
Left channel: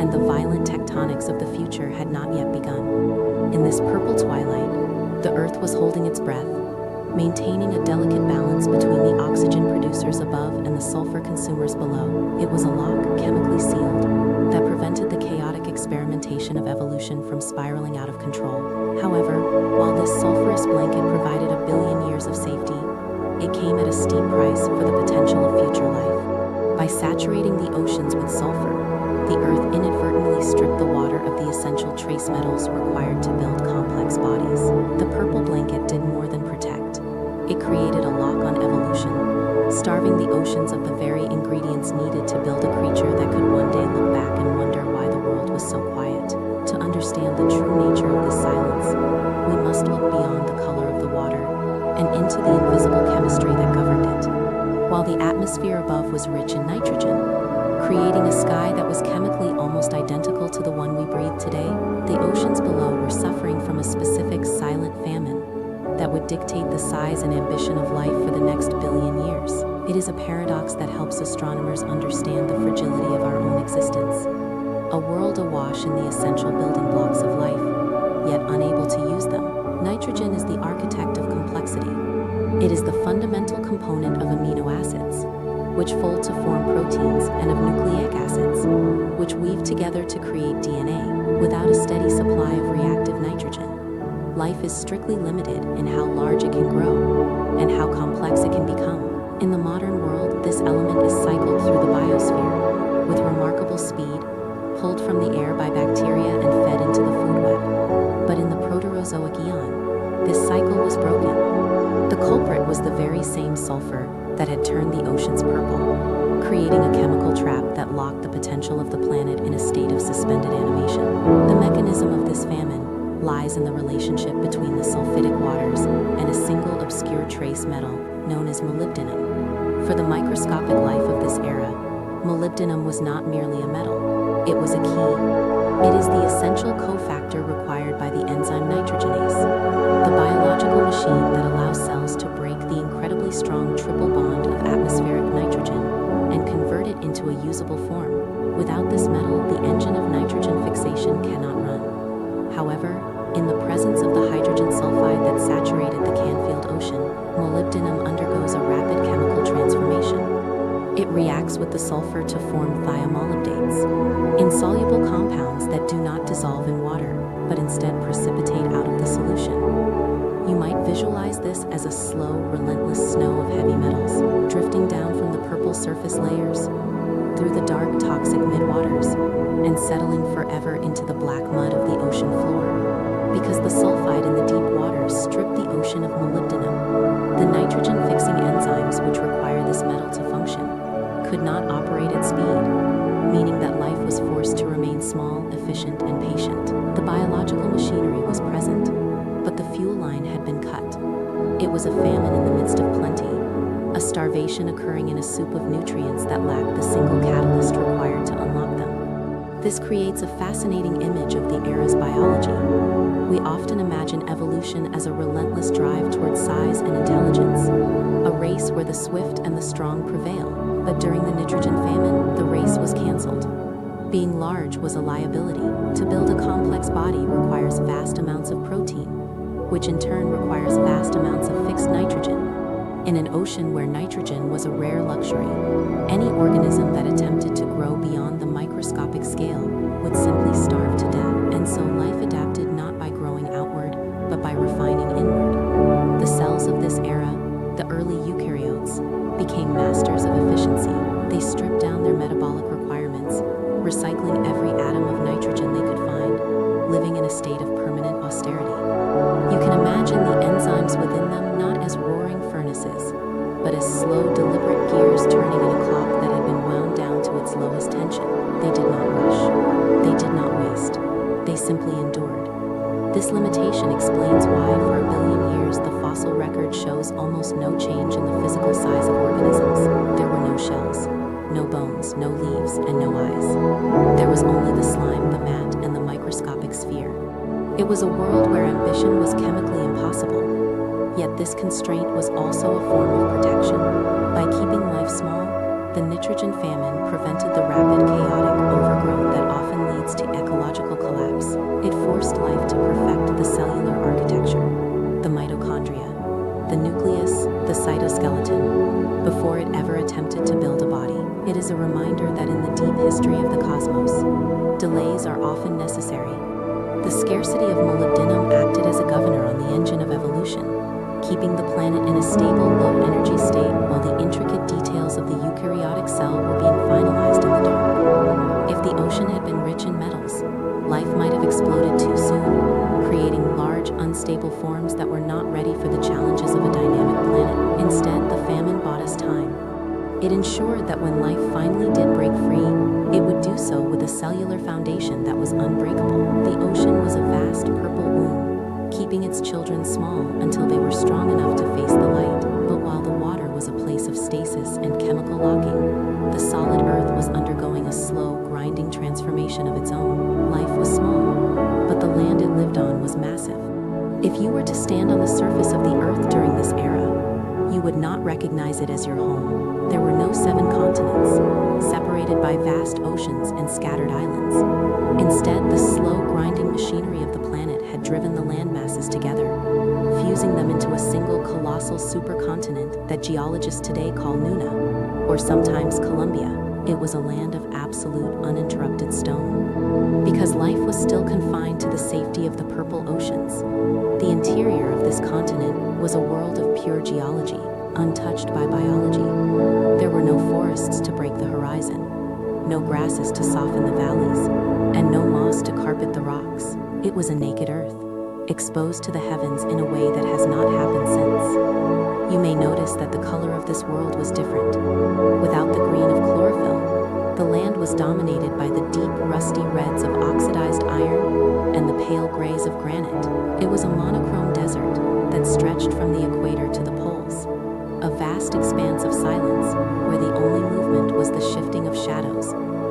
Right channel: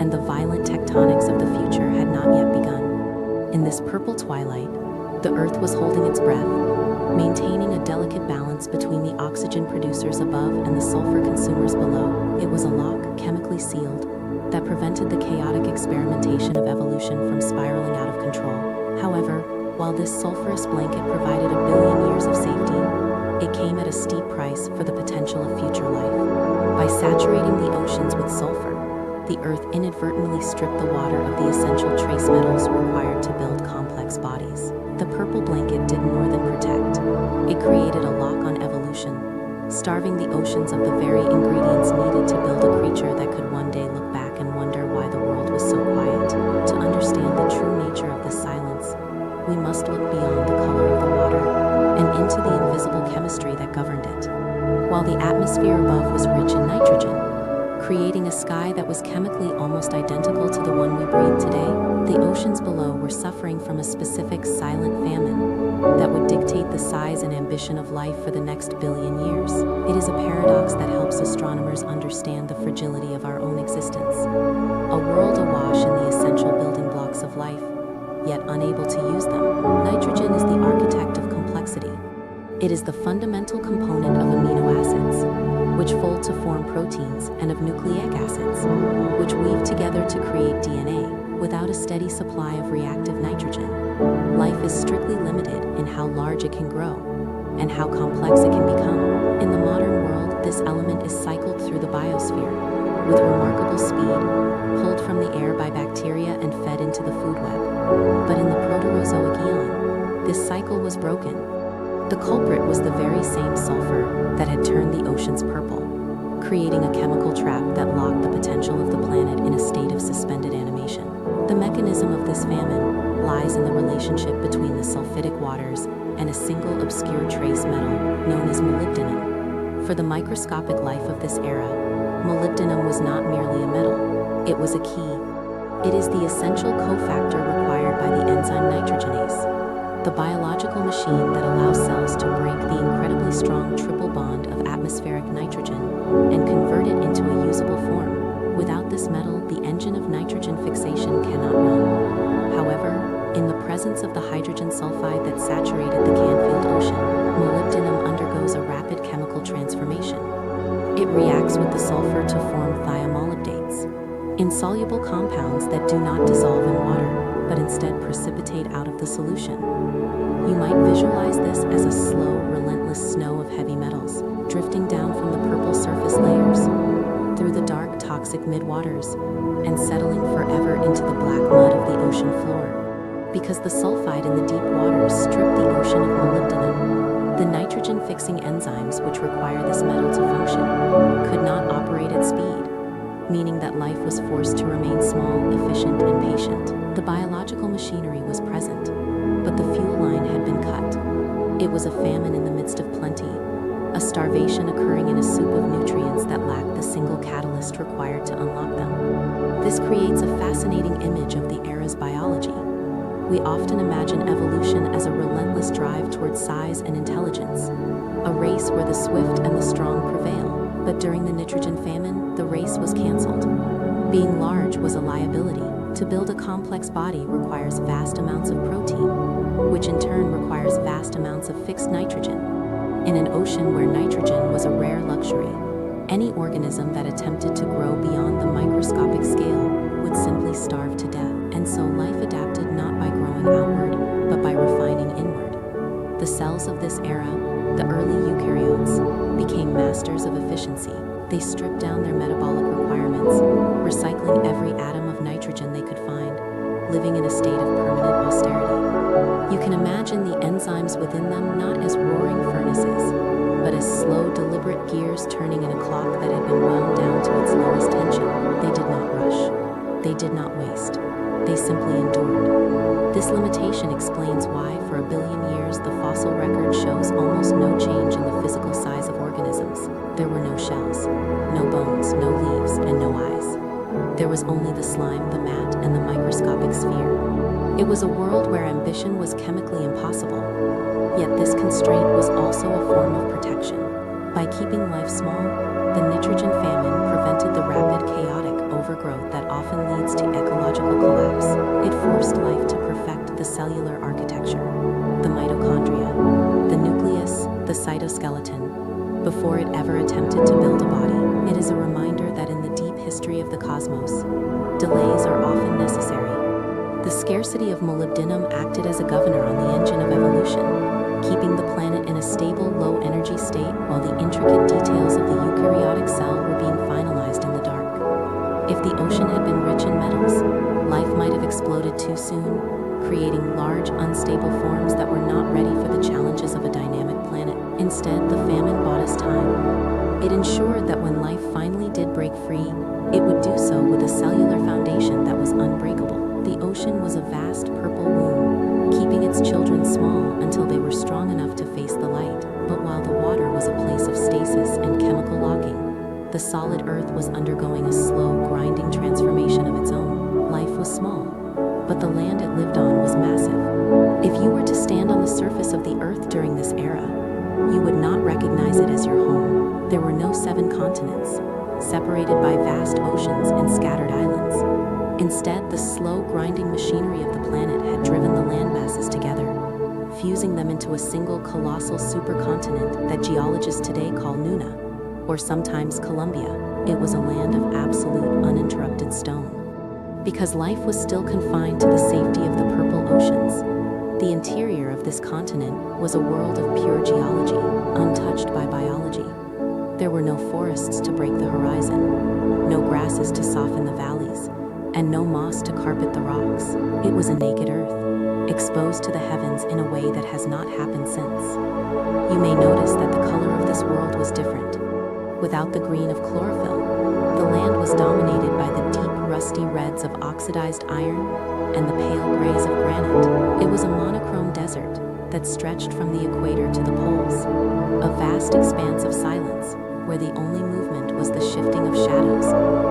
and the violent tectonics of the future had not yet begun. In this purple twilight, the Earth was holding its breath, maintaining a delicate balance between the oxygen producers above and the sulfur consumers below. It was a lock, chemically sealed, that prevented the chaotic experimentation of evolution from spiraling out of control. However, while this sulfurous blanket provided 1 billion years of safety, it came at a steep price for the potential of future life. By saturating the oceans with sulfur, the Earth inadvertently stripped the water of the essential trace metals required to build complex bodies. The purple blanket did more than protect. It created a lock on evolution, starving the oceans of the very ingredients needed to build a creature that could one day look back and wonder why the world was so quiet. To understand the true nature of this silence, we must look beyond the color of the water and into the invisible chemistry that governed it. While the atmosphere above was rich in nitrogen, creating a sky that was chemically almost identical to the one we breathe today, the oceans below were suffering from a specific silent famine that would dictate the size and ambition of life for the next billion years. It is a paradox that helps astronomers understand the fragility of our own existence. A world awash in the essential building blocks of life, yet unable to use them. Nitrogen is the architect of complexity. It is the fundamental component of amino acids, which fold to form proteins, and of nucleic acids, which weave together to create DNA. Without a steady supply of reactive nitrogen, life is strictly limited in how large it can grow and how complex it can become. In the modern world, this element is cycled through the biosphere with remarkable speed, pulled from the air by bacteria and fed into the food web. But in the Proterozoic eon, this cycle was broken. The culprit was the very same sulfur that had turned the oceans purple, creating a chemical trap that locked the potential of the planet in a state of suspended animation. The mechanism of this famine lies in the relationship between the sulfidic waters and a single obscure trace metal known as molybdenum. For the microscopic life of this era, molybdenum was not merely a metal, it was a key. It is the essential cofactor required by the enzyme nitrogenase, the biological machine that allows cells to break the incredibly strong triple bond of atmospheric nitrogen and convert it into a usable form. Without this metal, the engine of nitrogen fixation cannot run. However, in the presence of the hydrogen sulfide that saturated the Canfield Ocean, molybdenum undergoes a rapid chemical transformation. It reacts with the sulfur to form thiamolybdates, insoluble compounds that do not dissolve in water, but instead precipitate out of the solution. You might visualize this as a slow, relentless snow of heavy metals, drifting down from the purple surface layers, through the dark, toxic midwaters, and settling forever into the black mud of the ocean floor. Because the sulfide in the deep waters strip the ocean of molybdenum, the nitrogen-fixing enzymes which require this metal to function could not operate at speed, meaning that life was forced to remain small, efficient, and patient. The biological machinery was present, but the fuel line had been cut. It was a famine in the midst of plenty, a starvation occurring in a soup of nutrients that lacked the single catalyst required to unlock them. This creates a fascinating image of the era's biology. We often imagine evolution as a relentless drive towards size and intelligence, a race where the swift and the strong prevail. But during the nitrogen famine, the race was canceled. Being large was a liability. To build a complex body requires vast amounts of protein, which in turn requires vast amounts of fixed nitrogen. In an ocean where nitrogen was a rare luxury, any organism that attempted to grow beyond the microscopic scale would simply starve to death. And so life adapted not by growing outward, but by refining inward. The cells of this era recycling every atom of nitrogen they could find, living in a state of permanent austerity. You can imagine the enzymes within them not as roaring furnaces, but as slow, deliberate gears turning in a clock that had been wound down to its lowest tension. They did not rush. They did not waste. They simply endured. This limitation explains why, for a billion years, the fossil record shows almost no change in the physical size of organisms. There were no shells, no bones, no leaves, and no eyes. There was only the slime, the mat, and the microscopic sphere. It was a world where ambition was chemically impossible. Yet this constraint was also a form of protection. By keeping life small, the nitrogen famine prevented the rapid, chaotic overgrowth that often leads to ecological collapse. It forced life to perfect the cellular architecture, the mitochondria, the nucleus, the cytoskeleton, before it ever attempted to build a body. It is a reminder that in the deep history of the cosmos, delays are often necessary. The scarcity of molybdenum acted as a governor on the engine of evolution, keeping the planet in a stable, low-energy state while the intricate details of the eukaryotic cell were being finalized in the dark. If the ocean had been rich in metals, life might have exploded too soon, creating large, unstable forms that were not ready for the challenges of a dynamic planet. Instead, the famine bought us time. It ensured that when life finally did break free, it would do so with a cellular foundation that was unbreakable. The ocean was a vast purple womb, keeping its children small until they were strong enough to face the light. But while the water was a place of stasis and chemical locking, the solid earth was undergoing a slow, grinding transformation of its own. Life was small, but the land it lived on was massive. If you were to stand on the surface of the earth during this era, you would not recognize it as your home. There were no 7 continents, separated by vast oceans and scattered islands. Instead, the slow, grinding machinery of the planet had driven the landmasses together, fusing them into a single colossal supercontinent that geologists today call Nuna, or sometimes Columbia. It was a land of absolute, uninterrupted stone. Because life was still confined to the safety of the purple oceans, the interior of this continent was a world of pure geology, untouched by biology. There were no forests to break the horizon, no grasses to soften the valleys, and no moss to carpet the rocks. It was a naked earth, exposed to the heavens in a way that has not happened since. You may notice that the color of this world was different. Without the green of chlorophyll, the land was dominated by the deep, rusty reds of oxidized iron and the pale grays of granite. It was a monochrome desert that stretched from the equator to the poles, a vast expanse of silence where the only movement was the shifting of shadows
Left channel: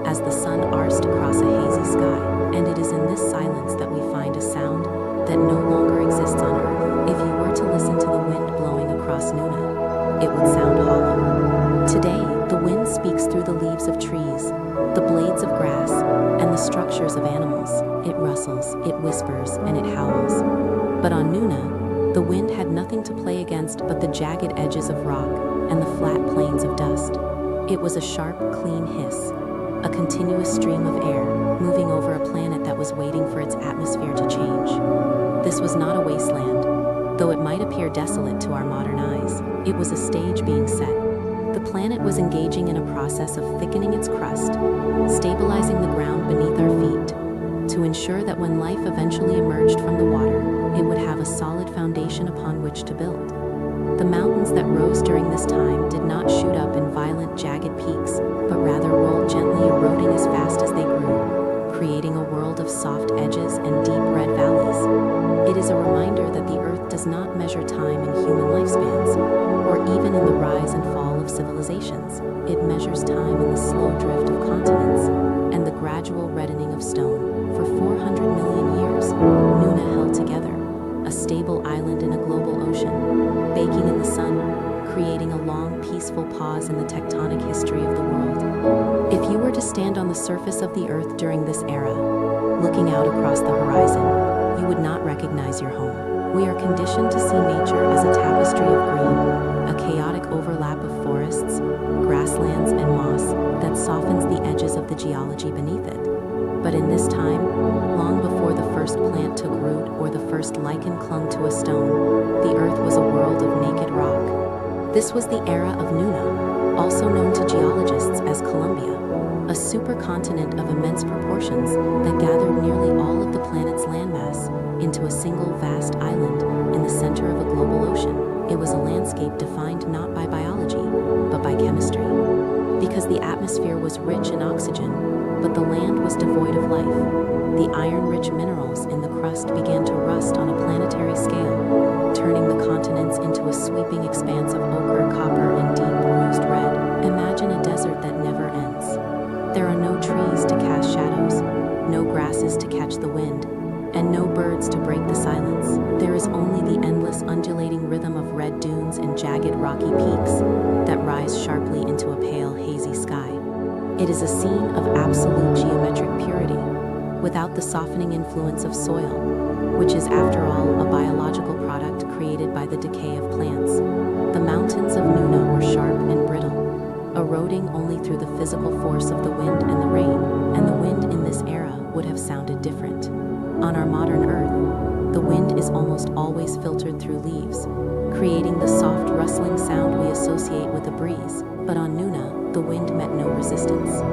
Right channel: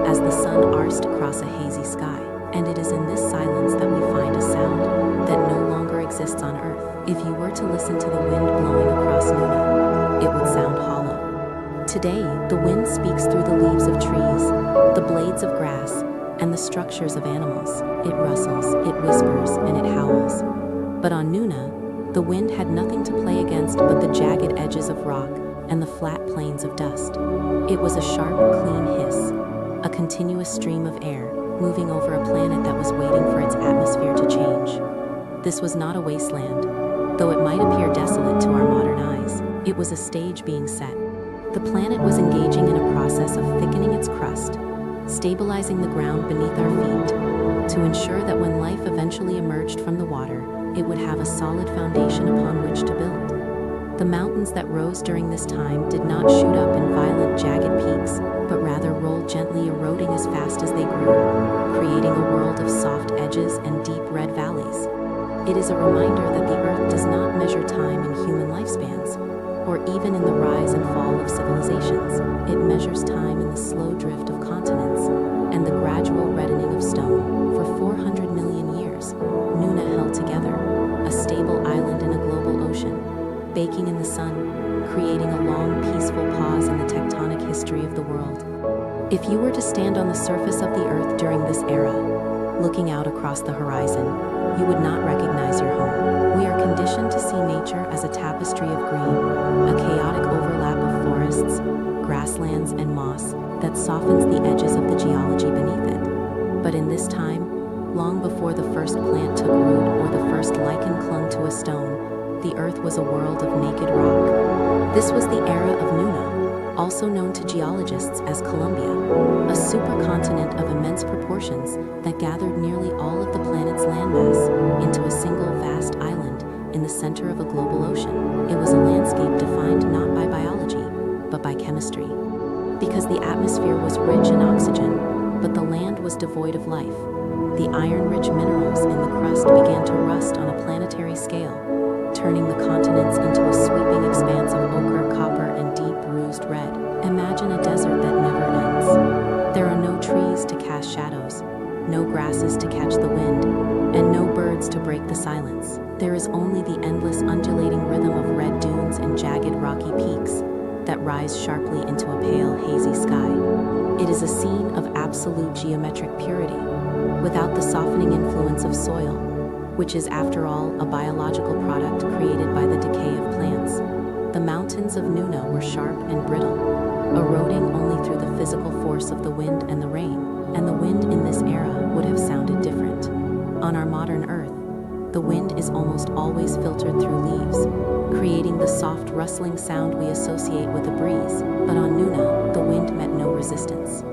as the sun arced across a hazy sky. And it is in this silence that we find a sound that no longer exists on Earth. If you were to listen to the wind blowing across Nuna, it would sound hollow. Today, the wind speaks through the leaves of trees, the blades of grass, and the structures of animals. It rustles, it whispers, and it howls. But on Nuna, the wind had nothing to play against but the jagged edges of rock and the flat plains of dust. It was a sharp, clean hiss, a continuous stream of air moving over a planet that was waiting for its atmosphere to change. This was not a wasteland, though it might appear desolate to our modern eyes. It was a stage being set. The planet was engaging in a process of thickening its crust, stabilizing the ground beneath our feet, to ensure that when life eventually emerged from the water, it would have a solid foundation upon which to build. The mountains that rose during this time did not shoot up in violent, jagged peaks, but rather rolled gently, eroding as fast as they grew, creating a world of soft edges and deep red valleys. It is a reminder that the Earth does not measure time in human lifespans, or even in the rise and fall of civilizations. It measures time in the slow drift of continents and the gradual reddening of stone. For 400 million years, Nuna held together, a stable island in a global ocean, baking in the sun, creating a long, peaceful pause in the tectonic history of the world. If you were to stand on the surface of the Earth during this era, looking out across the horizon, you would not recognize your home. We are conditioned to see nature as a tapestry of green, a chaotic overlap of forests, grasslands, and moss that softens the edges of the geology beneath it. But in this time, long before the first plant took root or the first lichen clung to a stone, the Earth was a world of naked rock. This was the era of Nuna, also known to geologists as Columbia, a supercontinent of immense proportions that gathered nearly all of the planet's landmass into a single vast island in the center of a global ocean. It was a landscape defined not by biology, but by chemistry. Because the atmosphere was rich in oxygen, but the land was devoid of life, the iron-rich minerals in the crust began to rust on a planetary scale, turning the continents into a sweeping expanse of ochre, copper, and deep bruised red. Imagine a desert that never ends. There are no trees to cast shadows, no grasses to catch the wind, and no birds to break the silence. There is only the endless undulating rhythm of red dunes and jagged rocky peaks that rise sharply into a pale, hazy sky. It is a scene of absolute geometric purity, without the softening influence of soil, which is, after all, a biological product created by the decay of plants. The mountains of Nuna were sharp and brittle, eroding only through the physical force of the wind and the rain, and the wind in this era would have sounded different. On our modern Earth, the wind is almost always filtered through leaves, creating the soft rustling sound we associate with a breeze. But on Nuna, the wind met no resistance.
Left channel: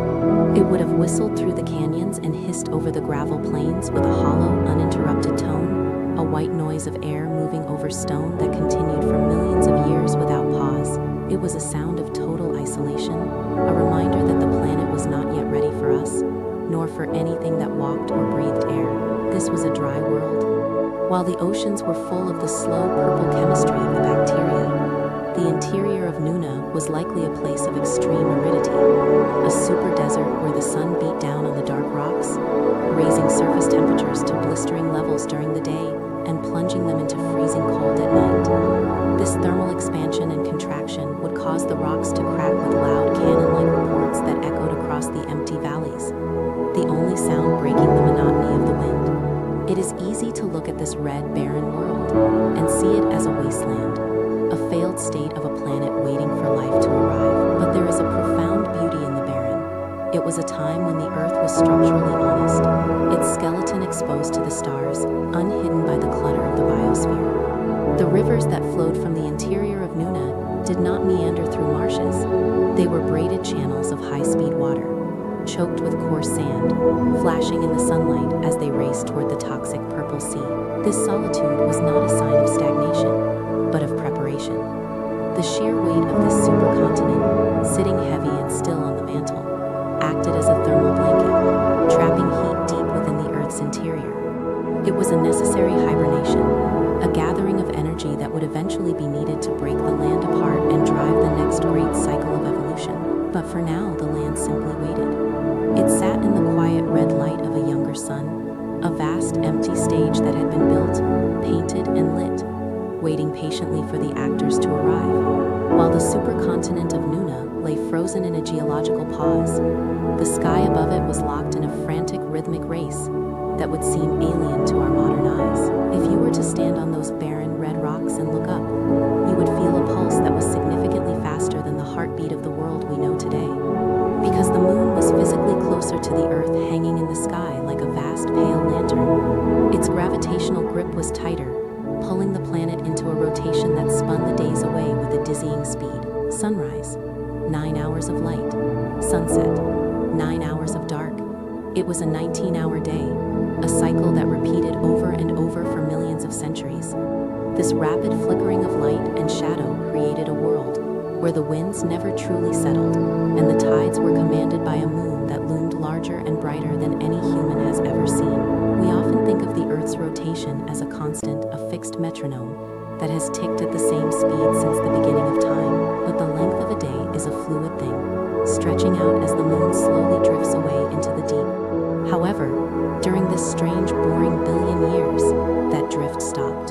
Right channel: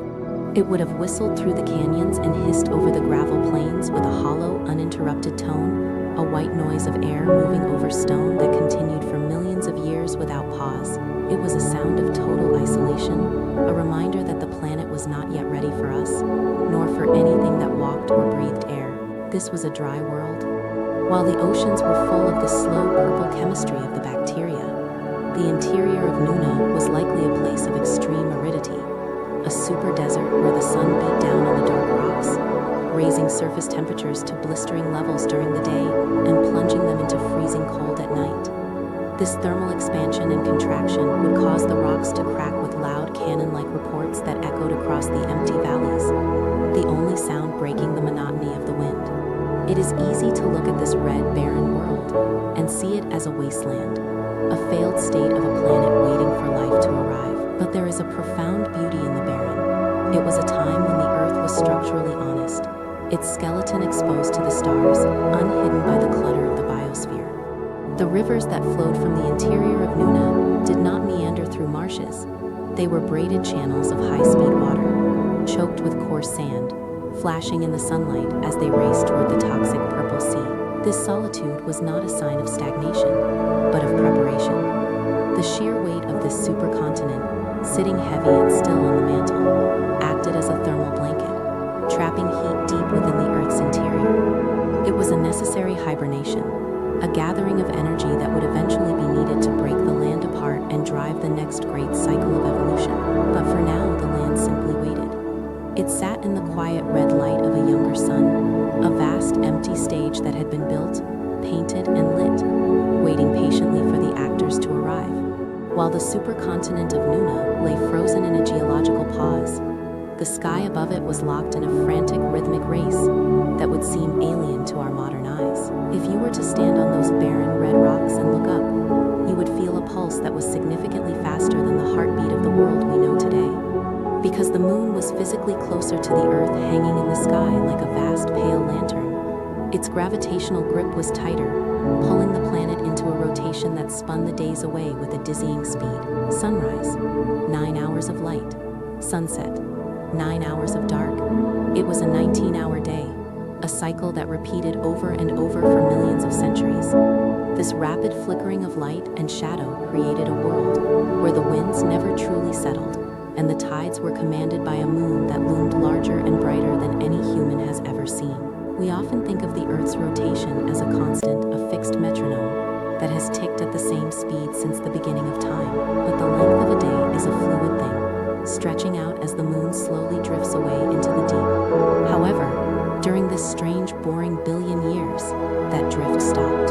It would have whistled through the canyons and hissed over the gravel plains with a hollow, uninterrupted tone, a white noise of air moving over stone that continued for millions of years without pause. It was a sound of total isolation, a reminder that the planet was not yet ready for us, nor for anything that walked or breathed air. This was a dry world. While the oceans were full of the slow purple chemistry of the bacteria, the interior of Nuna was likely a place of extreme aridity, a super desert where the sun beat down on the dark rocks, raising surface temperatures to blistering levels during the day and plunging them into freezing cold at night. This thermal expansion and contraction would cause the rocks to crack with loud cannon-like reports that echoed across the empty valleys, the only sound breaking the monotony of the wind. It is easy to look at this red, barren world and see it as a wasteland, a failed state of a planet waiting for life to arrive. But there is a profound beauty in the barren. It was a time when the Earth was structurally honest, its skeleton exposed to the stars, unhidden by the clutter of the biosphere. The rivers that flowed from the interior of Nuna did not meander through marshes. They were braided channels of high-speed water, choked with coarse sand, flashing in the sunlight as they raced toward the toxic purple sea. This solitude was not a sign of stagnation, but of preparation. The sheer weight of this supercontinent, sitting heavy and still on the mantle, acted as a thermal blanket, trapping heat deep within the Earth's interior. It was a necessary hibernation, a gathering of energy that would eventually be needed to break the land apart and drive the next great cycle of evolution. But for now, the land simply waited. It sat in the quiet red light of a younger sun, a vast empty stage that had been built, painted, and lit, waiting patiently for the actors to arrive. While the supercontinent of Nuna lay frozen in a geological pause, the sky above it was locked in a frantic rhythmic race that would seem alien to our modern eyes. If you were to stand on those barren red rocks and look up, you would feel a pulse that was significantly faster than the heartbeat of the world we know today. Because the moon was physically closer to the Earth, hanging in the sky like a vast pale lantern, its gravitational grip was tighter, pulling the planet into a rotation that spun the days away with a dizzying speed. Sunrise, 9 hours of light. Sunset, 9 hours of dark. It was a 19-hour day, a cycle that repeated over and over for millions of centuries. This rapid flickering of light and shadow created a world where the winds never truly settled, and the tides were commanded by a moon that loomed larger and brighter than any human has ever seen. We often think of the Earth's rotation as a constant, a fixed metronome that has ticked at the same speed since the beginning of time. But the length of a day is a fluid thing, stretching out as the moon slowly drifts away into the deep. However, during this strange, boring billion years, that drift stopped.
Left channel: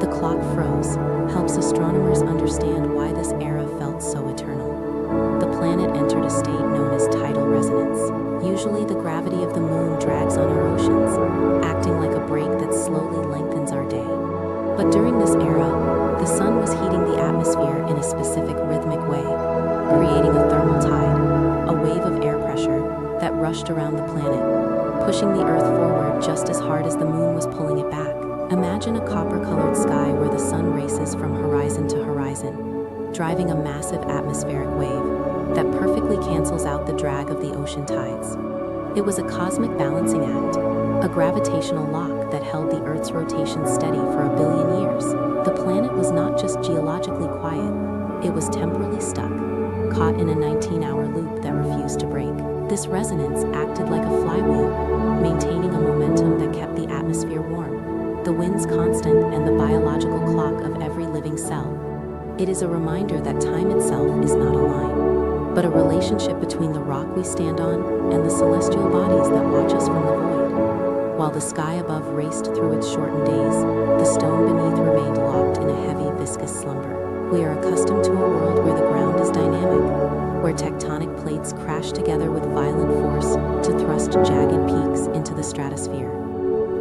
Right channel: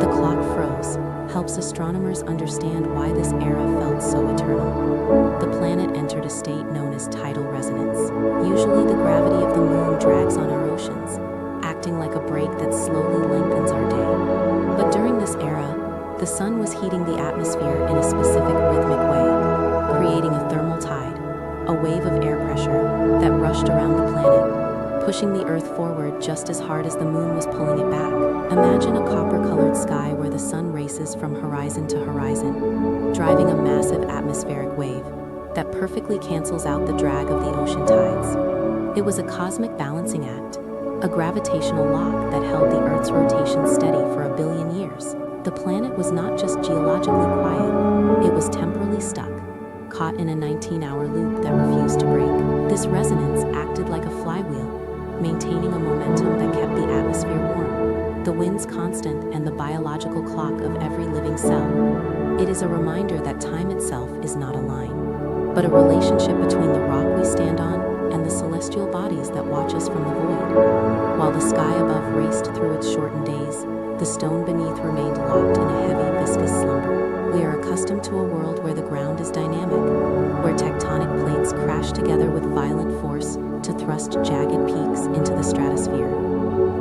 The clock froze, helps astronomers understand why this era felt so eternal. The planet entered a state known as tidal resonance. Usually the gravity of the moon drags on our oceans, acting like a brake that slowly lengthens our day. But during this era, the sun was heating the atmosphere in a specific rhythmic way, creating a thermal tide, a wave of air pressure that rushed around the planet, pushing the Earth forward just as hard as the moon was pulling it back. Imagine a copper-colored sky where the sun races from horizon to horizon, driving a massive atmospheric wave. that perfectly cancels out the drag of the ocean tides. It was a cosmic balancing act, a gravitational lock that held the Earth's rotation steady for 1 billion years. The planet was not just geologically quiet, it was temporally stuck, caught in a 19-hour loop that refused to break. This resonance acted like a flywheel, maintaining a momentum that kept the atmosphere warm, the winds constant, and the biological clock of every living cell. It is a reminder that time itself is not a line, but a relationship between the rock we stand on and the celestial bodies that watch us from the void. While the sky above raced through its shortened days, the stone beneath remained locked in a heavy, viscous slumber. We are accustomed to a world where the ground is dynamic, where tectonic plates crash together with violent force to thrust jagged peaks into the stratosphere.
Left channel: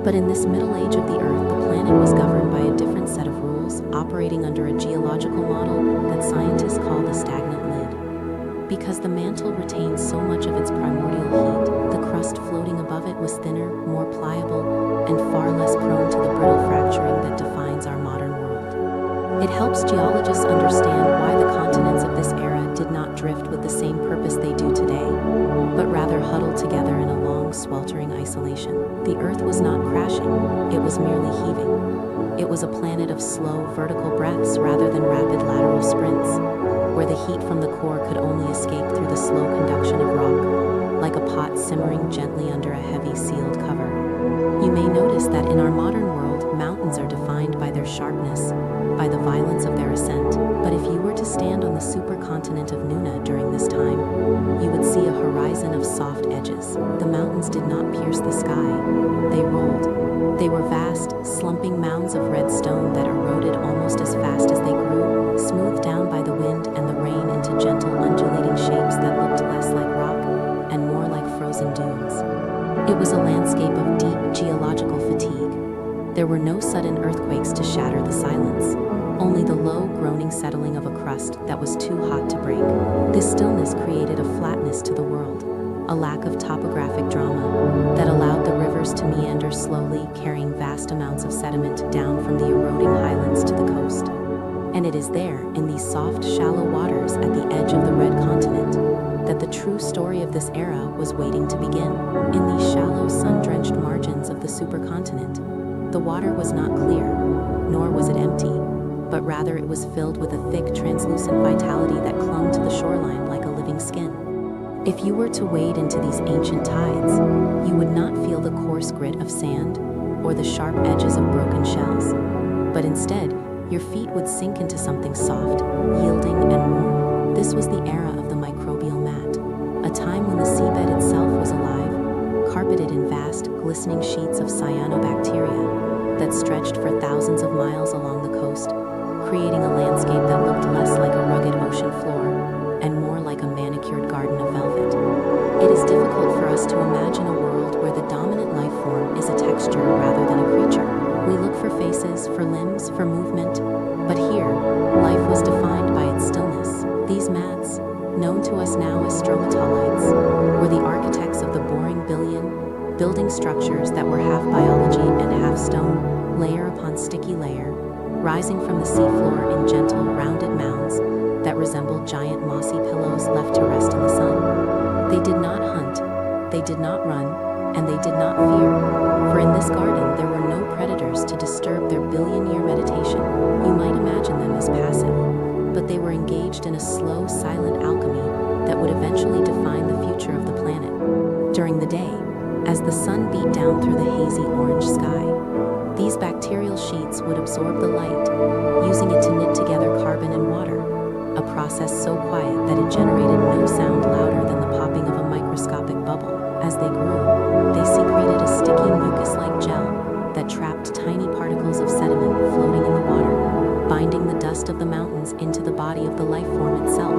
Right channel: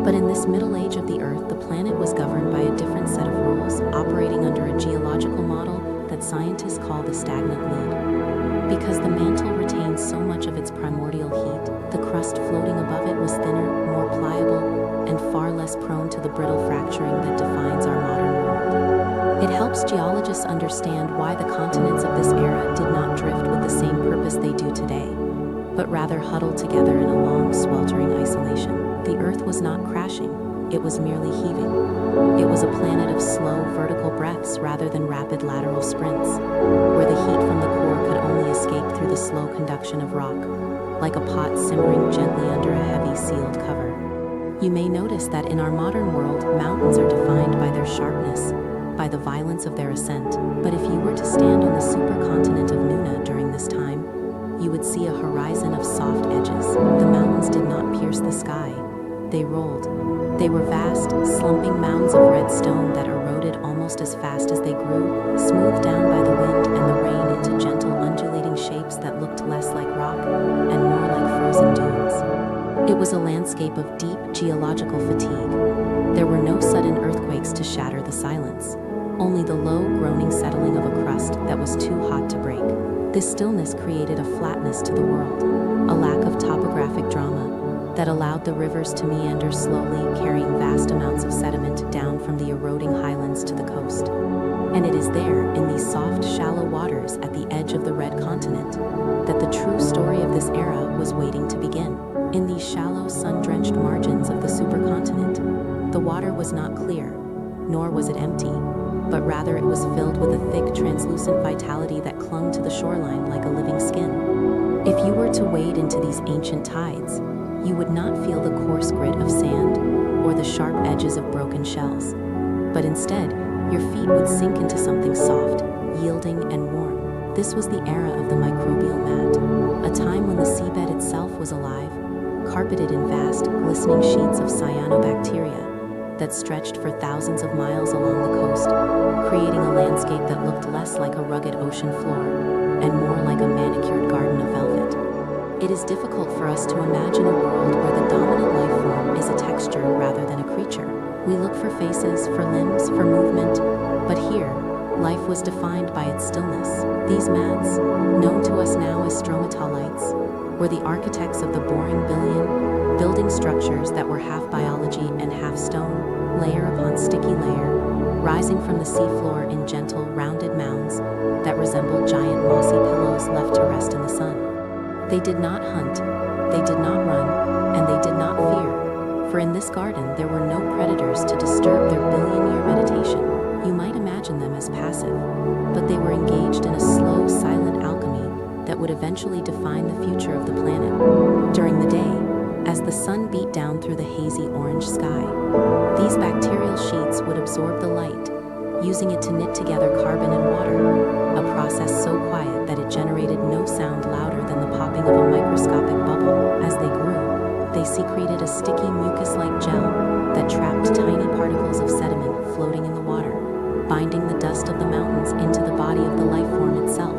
But in this middle age of the Earth, the planet was governed by a different set of rules, operating under a geological model that scientists call the stagnant lid. Because the mantle retained so much of its primordial heat, the crust floating above it was thinner, more pliable, and far less prone to the brittle fracturing that defines our modern world. It helps geologists understand why the continents of this era did not drift with the same purpose they do today, but rather huddled together in a long, sweltering isolation. The Earth was not crashing, it was merely heaving. It was a planet of slow, vertical breaths rather than rapid lateral sprints, where the heat from the core could only escape through the slow conduction of rock, like a pot simmering gently under a heavy sealed cover. You may notice that in our modern world, mountains are defined by their sharpness, by the violence of their ascent. But if you were to stand on the supercontinent of Nuna during this time, you would see a horizon of soft edges. The mountains did not pierce the sky, they rolled. They were vast, slumping mounds of red stone that eroded almost as fast as they grew, smoothed down by the wind and the rain into gentle undulating shapes that looked less like rock and more like frozen dunes. It was a landscape of deep geological fatigue. There were no sudden earthquakes to shatter the silence, only the low, groaning settling of a crust that was too hot to break. This stillness created a flatness to the world, a lack of topographic drama that allowed the rivers to meander slowly, carrying vast amounts of sediment down from the eroding highlands to the coast. And it is there, in these soft, shallow waters at the edge of the Red Continent, that the true story of this era was waiting to begin. In these shallow, sun-drenched margins of the supercontinent, the water was not clear, nor was it empty, but rather it was filled with a thick, translucent vitality that clung to the shoreline like a living skin. If you were to wade into these ancient tides, you would not feel the coarse grit of sand or the sharp edges of broken shells, but instead, your feet would sink into something soft, yielding, and warm. This was the era of the microbial mat, a time when the seabed itself was alive, carpeted in vast, glistening sheets of cyanobacteria that stretched for thousands of miles along the coast, creating a landscape that looked less like a rugged ocean floor and more like a manicured garden of velvet. It is difficult for us to imagine a world where the dominant life form is a texture rather than a creature. We look for faces, for limbs, for movement, but here, life was defined by its stillness. These mats, known to us now as stromatolites, were the architects of the boring billion, building structures that were half biology and half stone, layer upon sticky layer, rising from the seafloor in gentle, rounded mounds that resembled giant mossy pillows left to rest in the sun. They did not hunt, they did not run, and they did not fear, for in this garden there were no predators to disturb their billion-year meditation. You might imagine them as passive, but they were engaged in a slow, silent alchemy that would eventually define the future of the planet. During the day, as the sun beat down through the hazy orange sky, these bacterial sheets would absorb the light, using it to knit together carbon and water, a process so quiet that it generated no sound louder than the popping of a microscopic bubble. As they grew, they secreted a sticky mucus-like gel that trapped tiny particles of sediment floating in the water, binding the dust of the mountains into the body of the life form itself.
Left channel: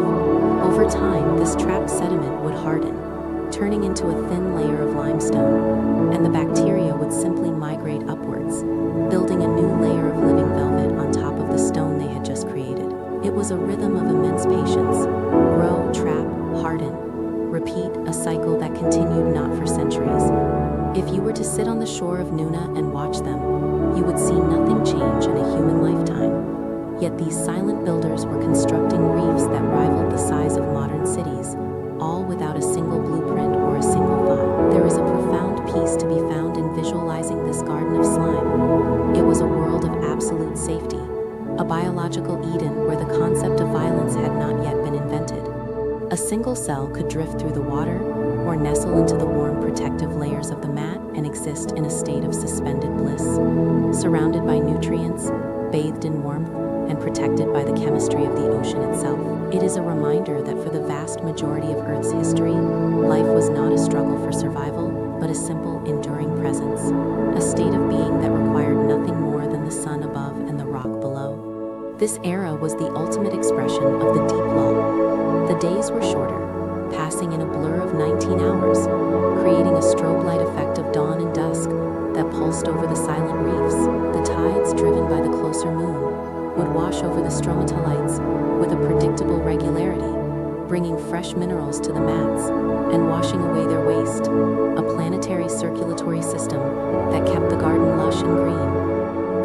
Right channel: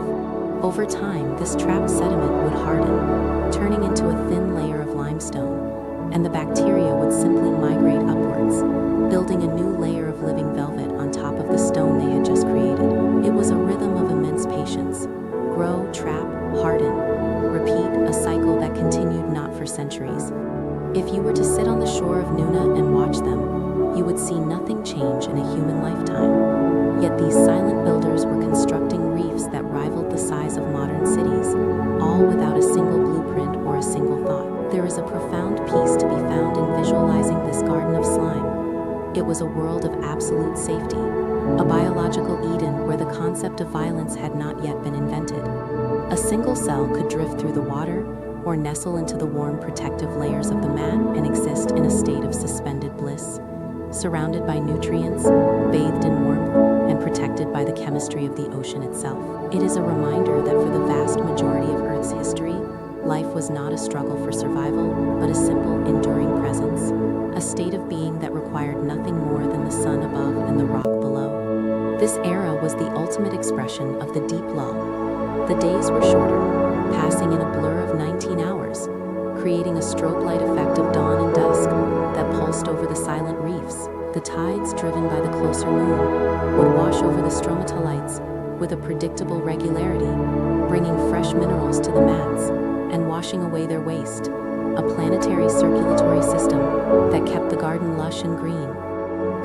Over time, this trapped sediment would harden, turning into a thin layer of limestone, and the bacteria would simply migrate upwards, building a new layer of living velvet on top of the stone they had just created. It was a rhythm of immense patience. Grow, trap, harden, repeat, a cycle that continued not for centuries. If you were to sit on the shore of Nuna and watch them, you would see nothing change in a human lifetime. Yet these silent builders were constructing reefs that rivaled the size of modern cities, all without a single blueprint or a single thought. There is a profound peace to be found in visualizing this garden of slime. It was a world of absolute safety, a biological Eden where the concept of violence had not yet been invented. A single cell could drift through the water or nestle into the warm protective layers of the mat and exist in a state of suspended bliss, surrounded by nutrients, bathed in warmth, and protected by the chemistry of the ocean itself. It is a reminder that for the vast majority of Earth's history, life was not a struggle for survival, but a simple, enduring presence, a state of being that required nothing more than the sun above and the rock below. This era was the ultimate expression of the deep lull. The days were shorter, passing in a blur of 19 hours, creating a strobe light effect of dawn and dusk that pulsed over the silent reefs. The tides, driven by the closer moon, would wash over the stromatolites with a predictable regularity, bringing fresh minerals to the mats and washing away their waste, a planetary circulatory system that kept the garden lush and green.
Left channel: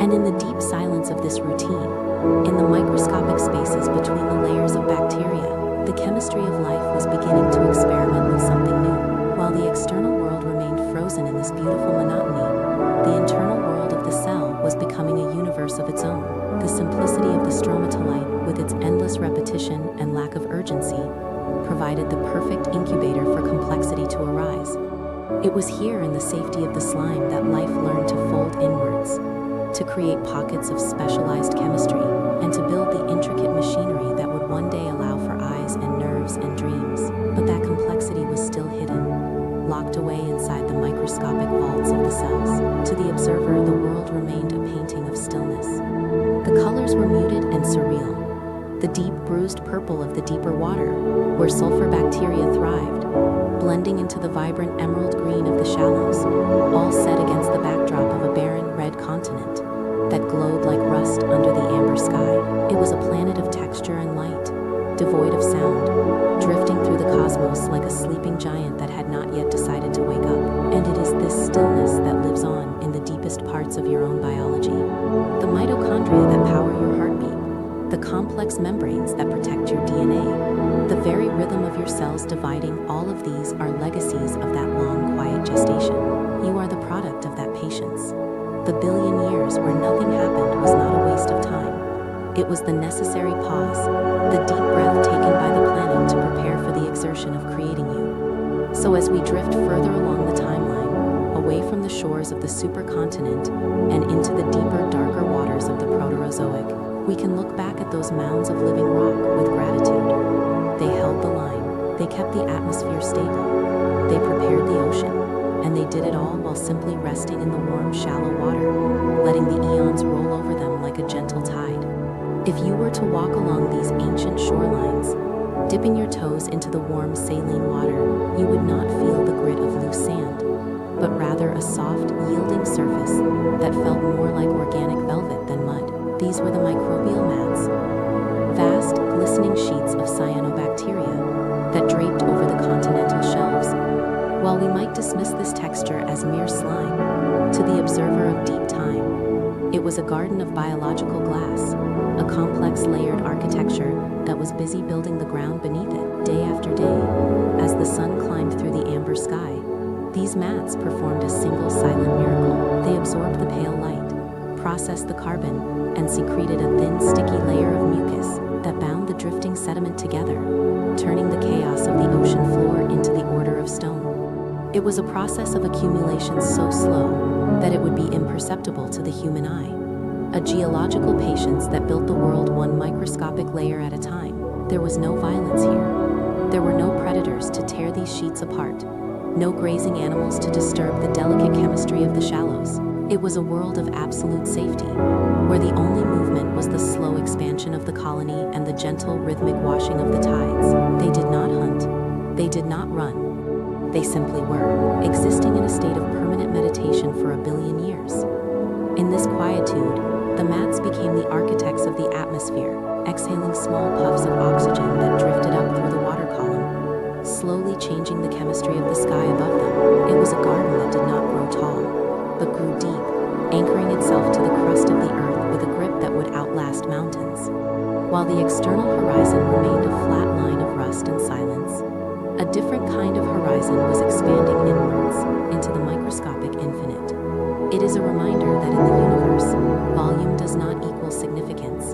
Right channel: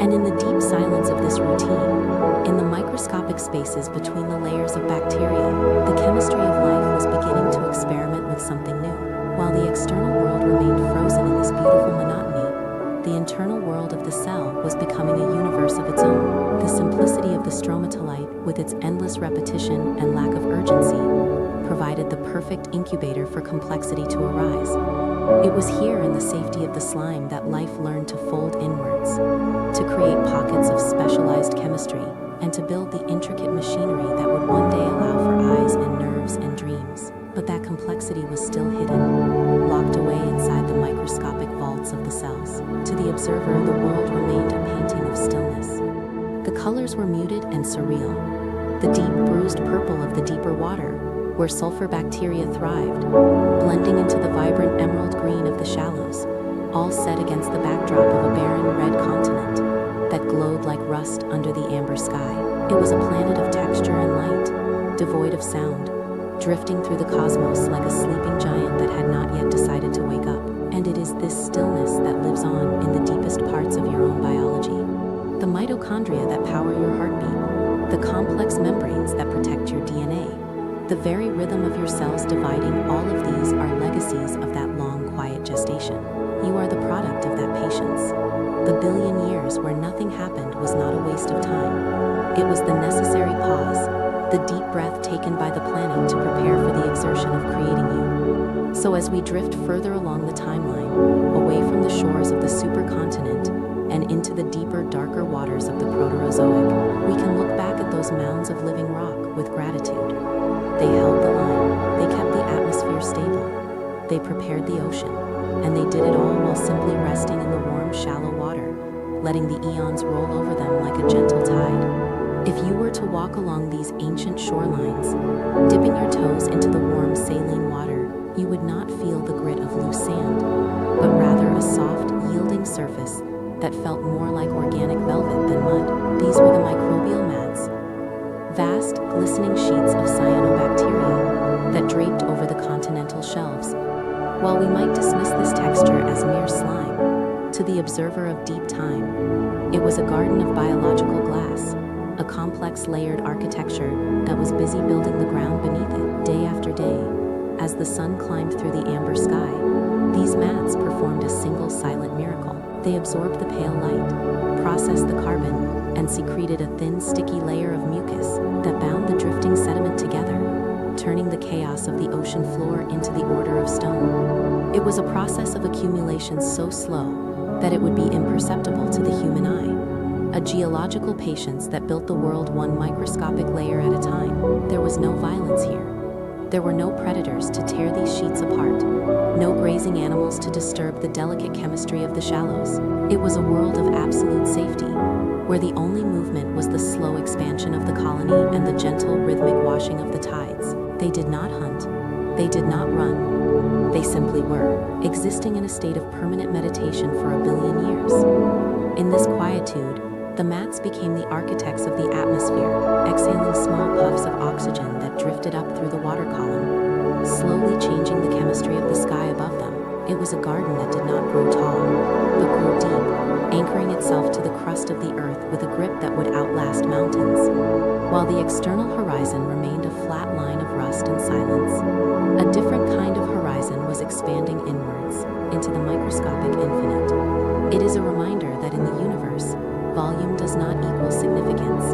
And in the deep silence of this routine, in the microscopic spaces between the layers of bacteria, the chemistry of life was beginning to experiment with something new. While the external world remained frozen in this beautiful monotony, the internal world of the cell was becoming a universe of its own. The simplicity of the stromatolite, with its endless repetition and lack of urgency, provided the perfect incubator for complexity to arise. It was here in the safety of the slime that life learned to fold inwards, to create pockets of specialized chemistry, and to build the intricate machinery that would one day allow for eyes and nerves and dreams. But that complexity was still hidden, locked away inside the microscopic vaults of the cells. To the observer, the world remained a painting of stillness. The colors were muted and surreal, the deep bruised purple of the deeper water, where sulfur bacteria thrived, blending into the vibrant emerald green of the shallows, all set against the backdrop of a barren red continent that glowed like rust under the amber sky. It was a planet of texture and light, devoid of sound, drifting through the cosmos like a sleeping giant that had not yet decided to wake up. And it is this stillness that lives on in the deepest parts of your own biology. The mitochondria that power your heartbeat, the complex membranes that protect your DNA, the very rhythm of your cells dividing, all of these are legacies of that long, quiet gestation. You are the product of that patience. The billion years where nothing happened was not a waste of time. It was the necessary pause, the deep breath taken by the planet to prepare for the exertion of creating you. So as we drift further along the timeline, away from the shores of the supercontinent and into the deeper, darker waters of the Proterozoic, we can look back at those mounds of living rock with gratitude. They held the line, they kept the atmosphere stable, they prepared the ocean, and they did it all while simply resting in the warm, shallow water, letting the eons roll over them like a gentle tide. If you were to walk along these ancient shorelines, dipping your toes into the warm, saline water, you would not feel the grit of loose sand, but rather a soft, yielding surface that felt more like organic velvet than mud. These were the microbial mats, vast, glistening sheets of cyanobacteria that draped over the continental shelves. While we might dismiss this texture as mere slime, to the observer of deep time, it was a garden of biological glass, a complex layered architecture that was busy building the ground beneath it. Day after day, as the sun climbed through the amber sky, these mats performed a single silent miracle. They absorbed the pale light, processed the carbon, and secreted a thin, sticky layer of mucus that bound the drifting sediment together, turning the chaos of the ocean floor into the order of stone. It was a process of accumulation so slow that it would be imperceptible to the human eye, a geological patience that built the world one microscopic layer at a time. There was no violence here. There were no predators to tear these sheets apart, no grazing animals to disturb the delicate chemistry of the shallows. It was a world of absolute safety, where the only movement was the slow expansion of the colony and the gentle, rhythmic washing of the tides. They did not hunt. They did not run. They simply were, existing in a state of permanent meditation for a billion years. In this quietude, the mats became the architects of the atmosphere, exhaling small puffs of oxygen that drifted up through the water column, slowly changing the chemistry of the sky above them. It was a garden that did not grow tall, but grew deep, anchoring itself to the crust of the earth with a grip that would outlast mountains. While the external horizon remained a flat line of rust and silence, a different kind of horizon was expanding inwards into the microscopic infinite. It is a reminder that in the universe, volume does not equal significance,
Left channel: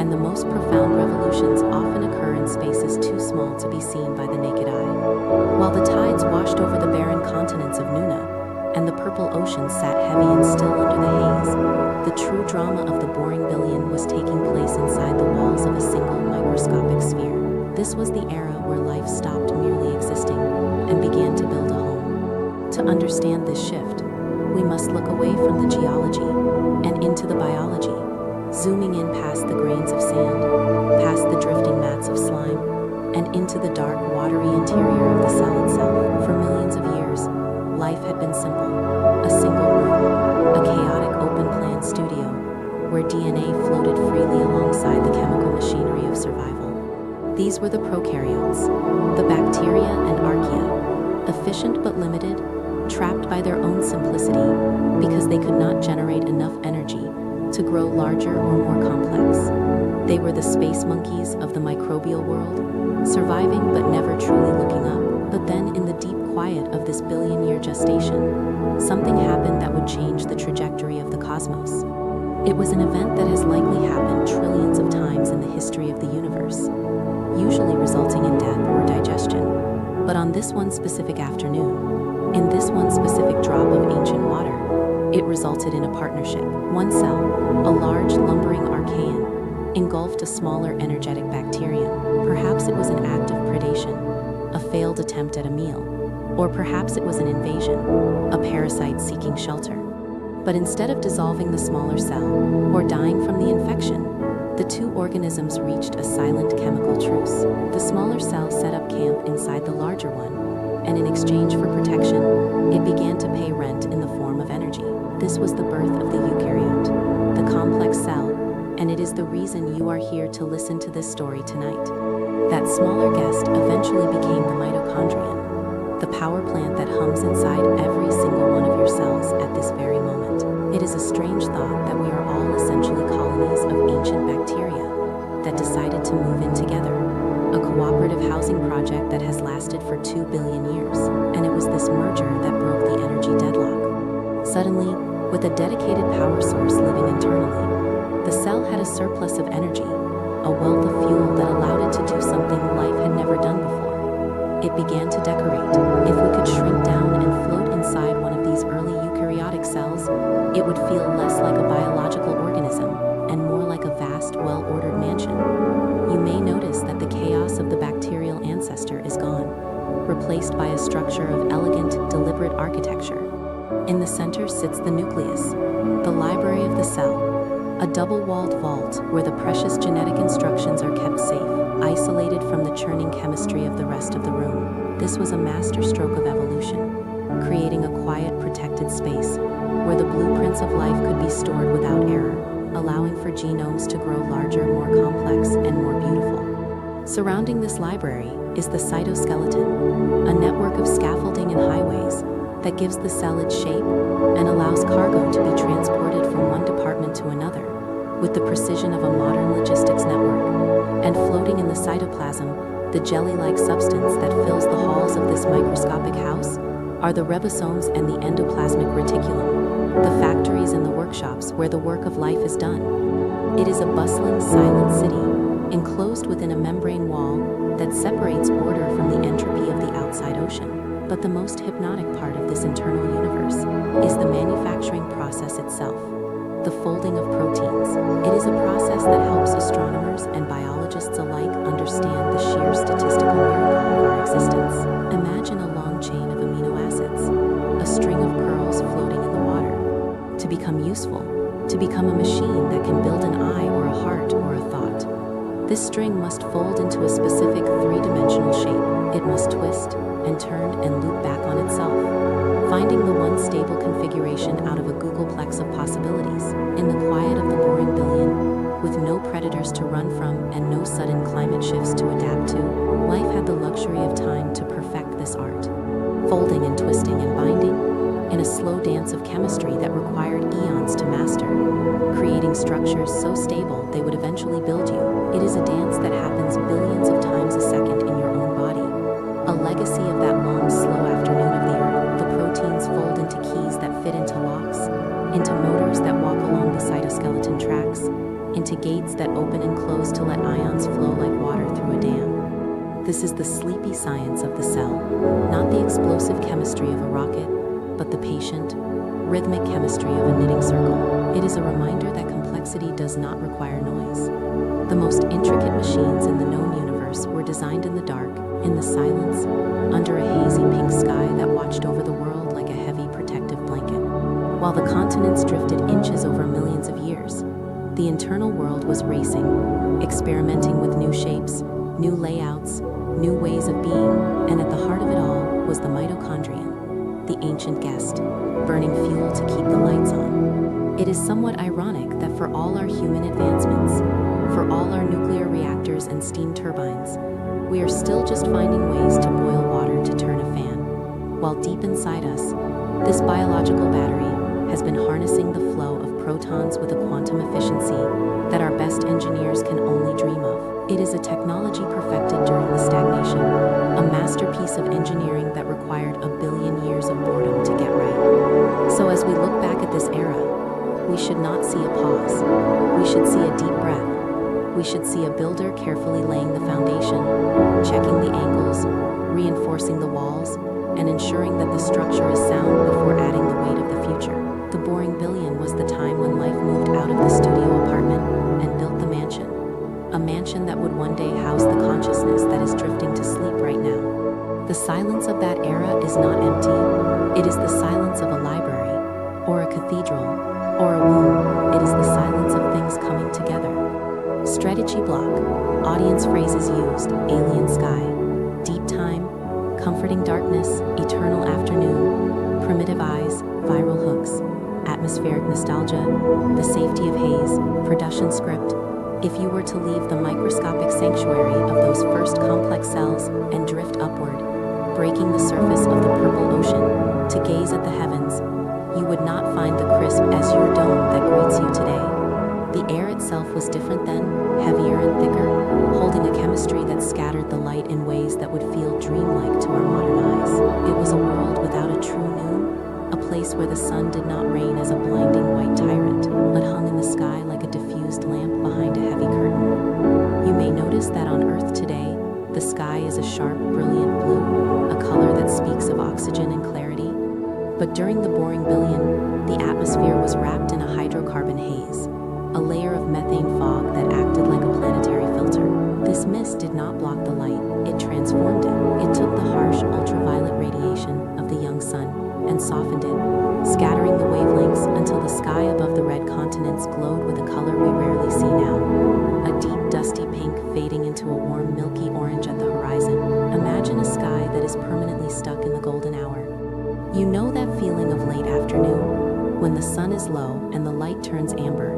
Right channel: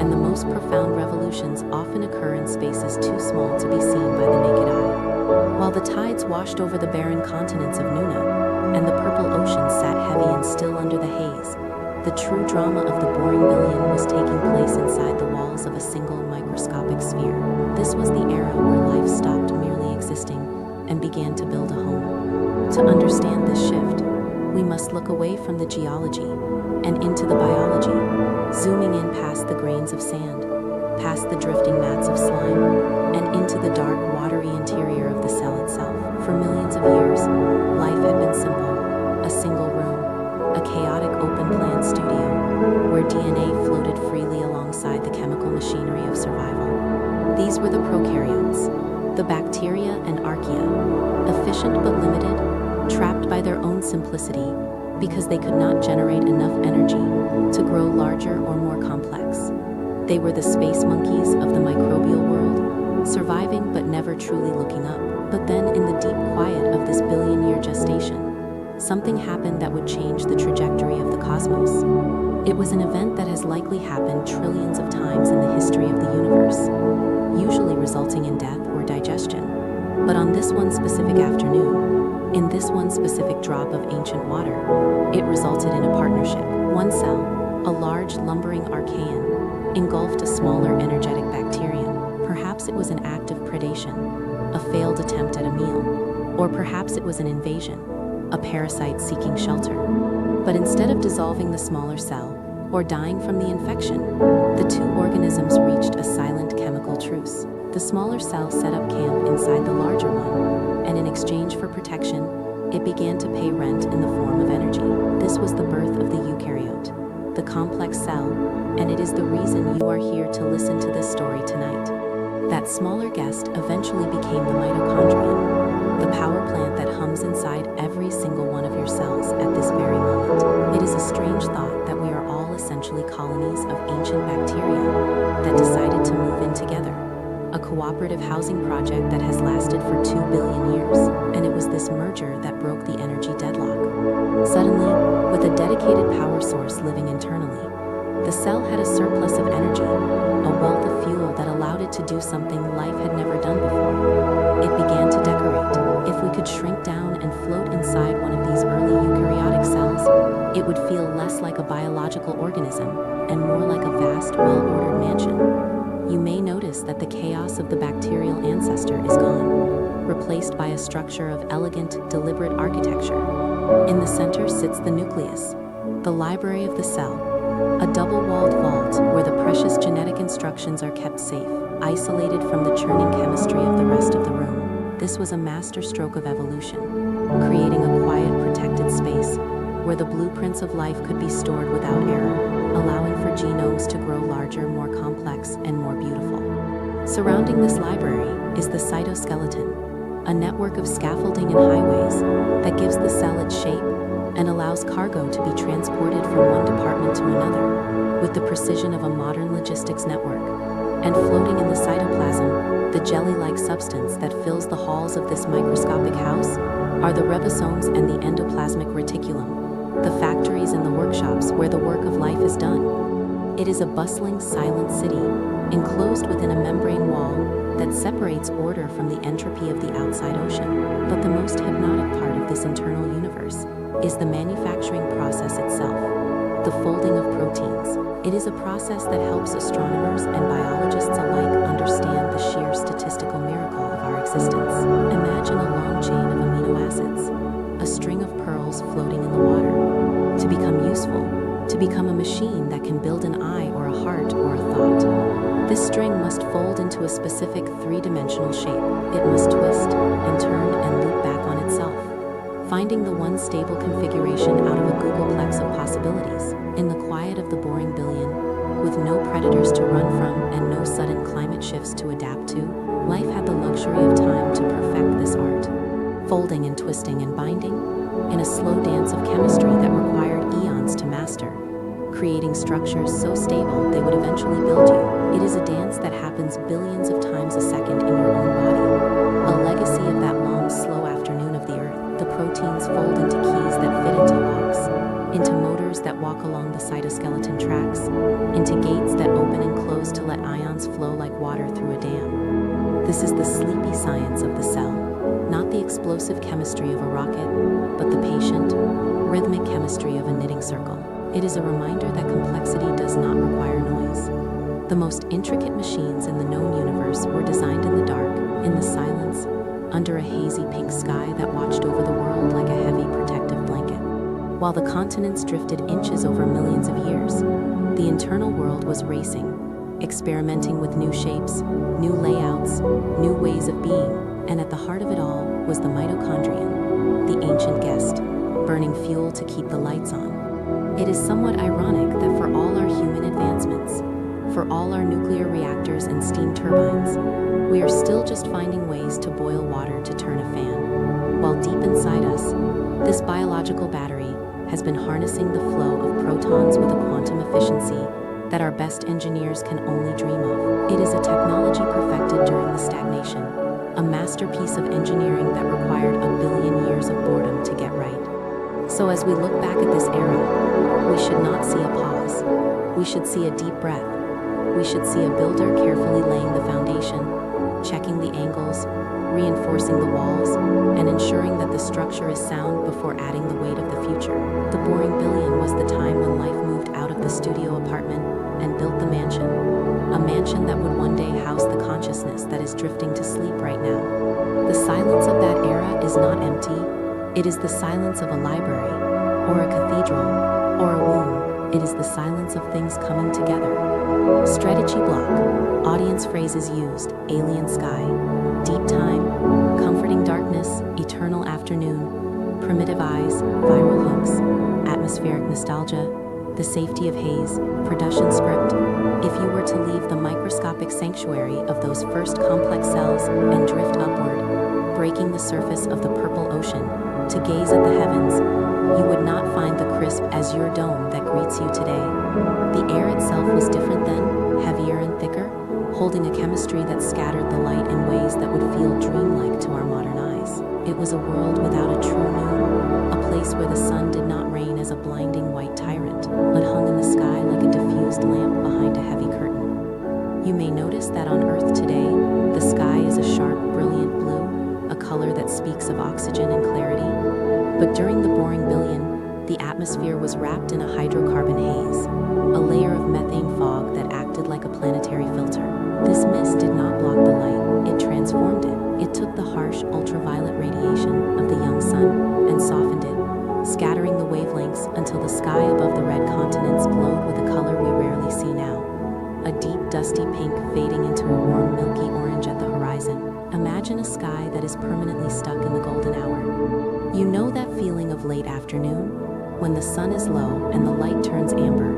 and the most profound revolutions often occur in spaces too small to be seen by the naked eye. While the tides washed over the barren continents of Nuna, and the purple ocean sat heavy and still under the haze, the true drama of the boring billion was taking place inside the walls of a single microscopic sphere. This was the era where life stopped merely existing and began to build a home. To understand this shift, we must look away from the geology and into the biology, zooming in past the grains of sand, past the drifting mats of slime, and into the dark, watery interior of the cell itself. For millions of years, life had been simple: a single room, a chaotic open-plan studio, where DNA floated freely alongside the chemical machinery of survival. These were the prokaryotes, the bacteria and archaea, efficient but limited, trapped by their own simplicity because they could not generate enough energy to grow larger or more complex. They were the space monkeys of the microbial world, surviving but never truly looking up. But then, in the deep quiet of this billion-year gestation, something happened that would change the trajectory of the cosmos. It was an event that has likely happened trillions of times in the history of the universe, usually resulting in death or digestion. But on this one specific afternoon, in this one specific drop of ancient water, it resulted in a partnership. One cell, a large, lumbering archaean, engulfed a smaller, energetic bacterium. Perhaps it was an act of predation, a failed attempt at a meal, or perhaps it was an invasion, a parasite seeking shelter. But instead of dissolving the smaller cell or dying from the infection, the two organisms reached a silent chemical truce. The smaller cell set up camp inside the larger one, and in exchange for protection, it began to pay rent in the form of energy. This was the birth of the eukaryote, the complex cell, and it is the reason you are here to listen to this story tonight. That smaller guest eventually became the mitochondrion, the power plant that hums inside every single one of your cells at this very moment. It is a strange thought that we are all essentially colonies of ancient bacteria that decided to move in together, a cooperative housing project that has lasted for 2 billion years, and it was this merger that broke the energy deadlock. Suddenly, with a dedicated power source living internally, the cell had a surplus of energy, a wealth of fuel that allowed it to do something life had never done before. It began to decorate. If we could shrink down and float inside one of these early eukaryotic cells, it would feel less like a biological organism and more like a vast, well-ordered mansion. You may notice that the chaos of the bacterial ancestor is gone, replaced by a structure of elegant, deliberate architecture. In the center sits the nucleus, the library of the cell, a double-walled vault where the precious genetic instructions are kept safe, isolated from the churning chemistry of the rest of the room. This was a masterstroke of evolution, creating a quiet, protected space where the blueprints of life could be stored without error, allowing for genomes to grow larger, more complex, and more beautiful. Surrounding this library is the cytoskeleton, a network of scaffolding and highways that gives the cell its shape and allows cargo to be transported from one department to another with the precision of a modern logistics network. And floating in the cytoplasm, the jelly-like substance that fills the halls of this microscopic house, are the ribosomes and the endoplasmic reticulum, the factories and the workshops where the work of life is done. It is a bustling, silent city, enclosed within a membrane wall that separates order from the entropy of the outside ocean. But the most hypnotic part of this internal universe is the manufacturing process itself, the folding of proteins. It is a process that helps astronomers and biologists alike understand the sheer statistical miracle of our existence. Imagine a long chain of amino acids, a string of pearls floating in the water. To become useful, to become a machine that can build an eye or a heart or a thought, this string must fold into a specific three-dimensional shape. It must twist and turn and loop back on itself, finding the one stable configuration out of a googolplex of possibilities. In the quiet of the boring billion, with no predators to run from and no sudden climate shifts to adapt to, life had the luxury of time to perfect this art. Folding and twisting and binding, in a slow dance of chemistry that required eons to master, creating structures so stable they would eventually build you. It is a dance that happens billions of times a second in your own body, a legacy of that long, slow afternoon of the Earth. The proteins fold into keys that fit into locks, into motors that walk along the cytoskeleton tracks, into gates that open and close to let ions flow like water through a dam. This is the sleepy science of the cell, not the explosive chemistry of a rocket, but the patient, rhythmic chemistry of a knitting circle. It is a reminder that complexity does not require noise. The most intricate machines in the known universe were designed in the dark, in the silence, under a hazy pink sky that watched over the world like a heavy protective blanket. While the continents drifted inches over millions of years, the internal world was racing, experimenting with new shapes, new layouts, new ways of being, and at the heart of it all was the mitochondrion, the ancient guest, burning fuel to keep the lights on. It is somewhat ironic that for all our human advancements, for all our nuclear reactors and steam turbines, we are still just finding ways to boil water to turn a fan, while deep inside us, this biological battery has been harnessing the flow of protons with a quantum efficiency that our best engineers can only dream of. It is a technology perfected during the stagnation, a masterpiece of engineering that required a billion years of boredom to get right. So as we look back at this era, we should not see a pause. We should see a deep breath. We should see a builder carefully laying the foundation, checking the angles, reinforcing the walls, and ensuring that the structure is sound before adding the weight of the future. The boring billion was the time when life moved out of the studio apartment and built the mansion, a mansion that would one day house the consciousness that is drifting to sleep right now. The silence of that era is not empty. It is the silence of a library, or a cathedral, or a womb. It is the silence of things coming together. Strategy block, audience phrases used, alien sky, deep time, comforting darkness, eternal afternoon, primitive eyes, viral hooks, atmospheric nostalgia, the safety of haze, production script. If you were to leave the microscopic sanctuary of those first complex cells and drift upward, breaking the surface of the purple ocean, to gaze at the heavens, you would not find the crisp azure dome that greets you today. The air itself was different then, heavier and thicker, holding a chemistry that scattered the light in ways that would feel dreamlike to our modern eyes. It was a world without a true noon, a place where the sun did not reign as a blinding white tyrant, but hung in the sky like a diffused lamp behind a heavy curtain. You may notice that on Earth today, the sky is a sharp, brilliant blue, a color that speaks of oxygen and clarity. But during the boring billion, the atmosphere was wrapped in a hydrocarbon haze, a layer of methane fog that acted like a planetary filter. This mist did not block the light, it transformed it. It took the harsh ultraviolet radiation of the young sun and softened it, scattering the wavelengths until the sky above the red continents glowed with a color we rarely see now, a deep dusty pink fading into a warm milky orange at the horizon. Imagine a sky that is permanently stuck in the golden hour. You know that feeling of late afternoon, when the sun is low and the light turns amber,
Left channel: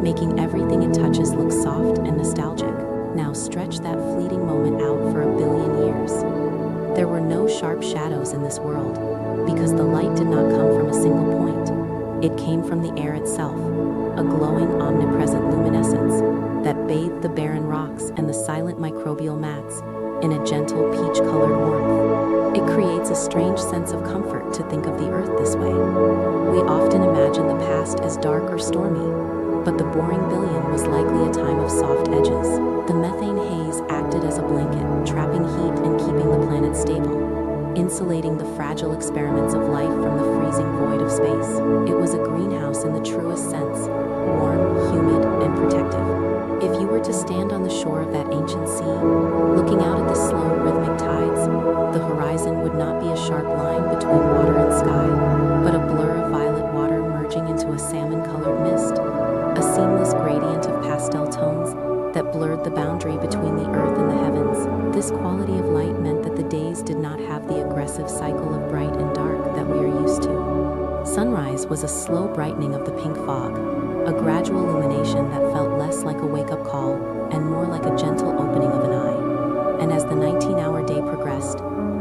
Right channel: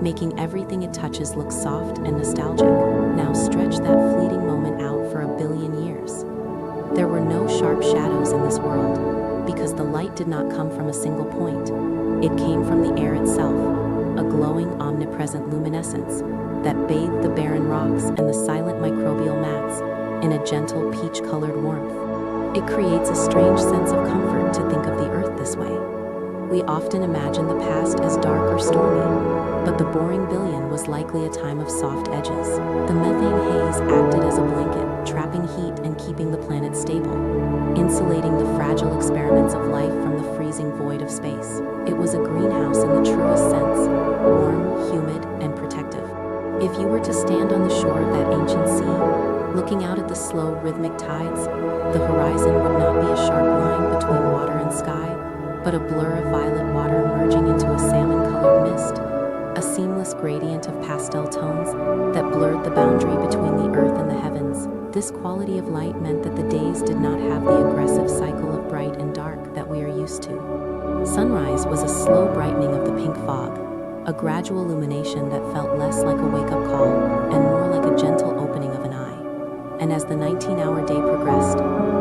making everything it touches look soft and nostalgic. Now stretch that fleeting moment out for a billion years. There were no sharp shadows in this world, because the light did not come from a single point. It came from the air itself, a glowing, omnipresent luminescence that bathed the barren rocks and the silent microbial mats in a gentle peach-colored warmth. It creates a strange sense of comfort to think of the Earth this way. We often imagine the past as dark or stormy, but the boring billion was likely a time of soft edges. The methane haze acted as a blanket, trapping heat and keeping the planet stable, insulating the fragile experiments of life from the freezing void of space. It was a greenhouse in the truest sense, warm, humid, and protective. If you were to stand on the shore of that ancient sea, looking out at the slow, rhythmic tides, the horizon would not be a sharp line between water and sky, but a blur of violet water merging into a salmon-colored mist, a seamless gradient of pastel tones that blurred the boundary between the earth and the heavens. This quality of light meant that the days did not have the aggressive cycle of bright and dark that we are used to. Sunrise was a slow brightening of the pink fog, a gradual illumination that felt less like a wake-up call and more like a gentle opening of an eye. And as the 19-hour day progressed,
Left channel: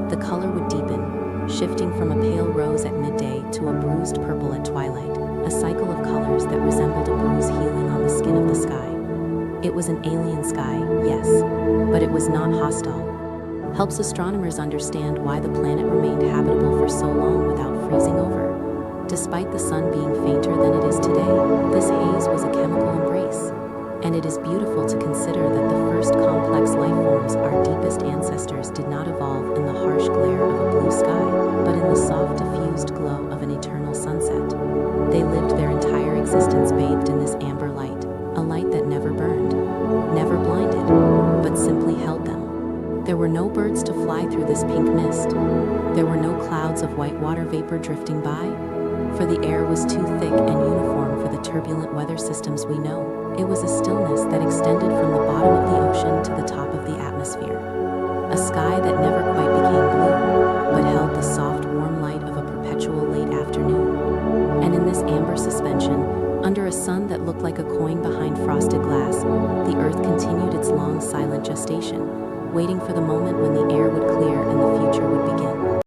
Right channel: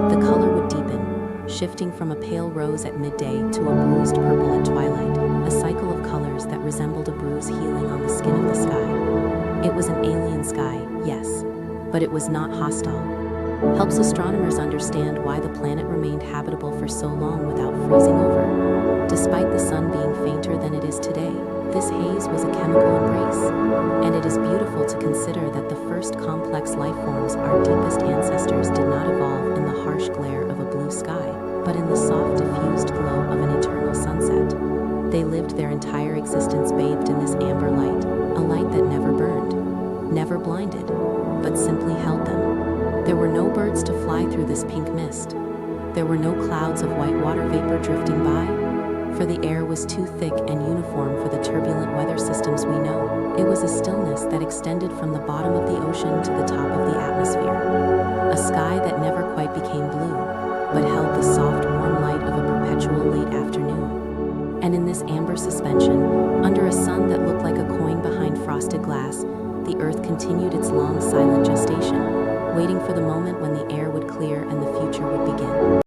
the color would deepen, shifting from a pale rose at midday to a bruised purple at twilight, a cycle of colors that resembled a bruise healing on the skin of the sky. It was an alien sky, yes, but it was not hostile. Helps astronomers understand why the planet remained habitable for so long without freezing over. Despite the sun being fainter than it is today, this haze was a chemical embrace. And it is beautiful to consider that the first complex life forms, our deepest ancestors, did not evolve in the harsh glare of a blue sky, but in the soft, diffused glow of an eternal sunset. They lived their entire existence bathed in this amber light, a light that never burned, never blinded, but simply held them. There were no birds to fly through this pink mist. There were no clouds of white water vapor drifting by, for the air was too thick and uniform for the turbulent weather systems we know. It was a stillness that extended from the bottom of the ocean to the top of the atmosphere. A sky that never quite became blue, but held the soft, warm light of a perpetual late afternoon. And in this amber suspension, under a sun that looked like a coin behind frosted glass, the earth continued its long, silent gestation, waiting for the moment when the air would clear and the future would begin.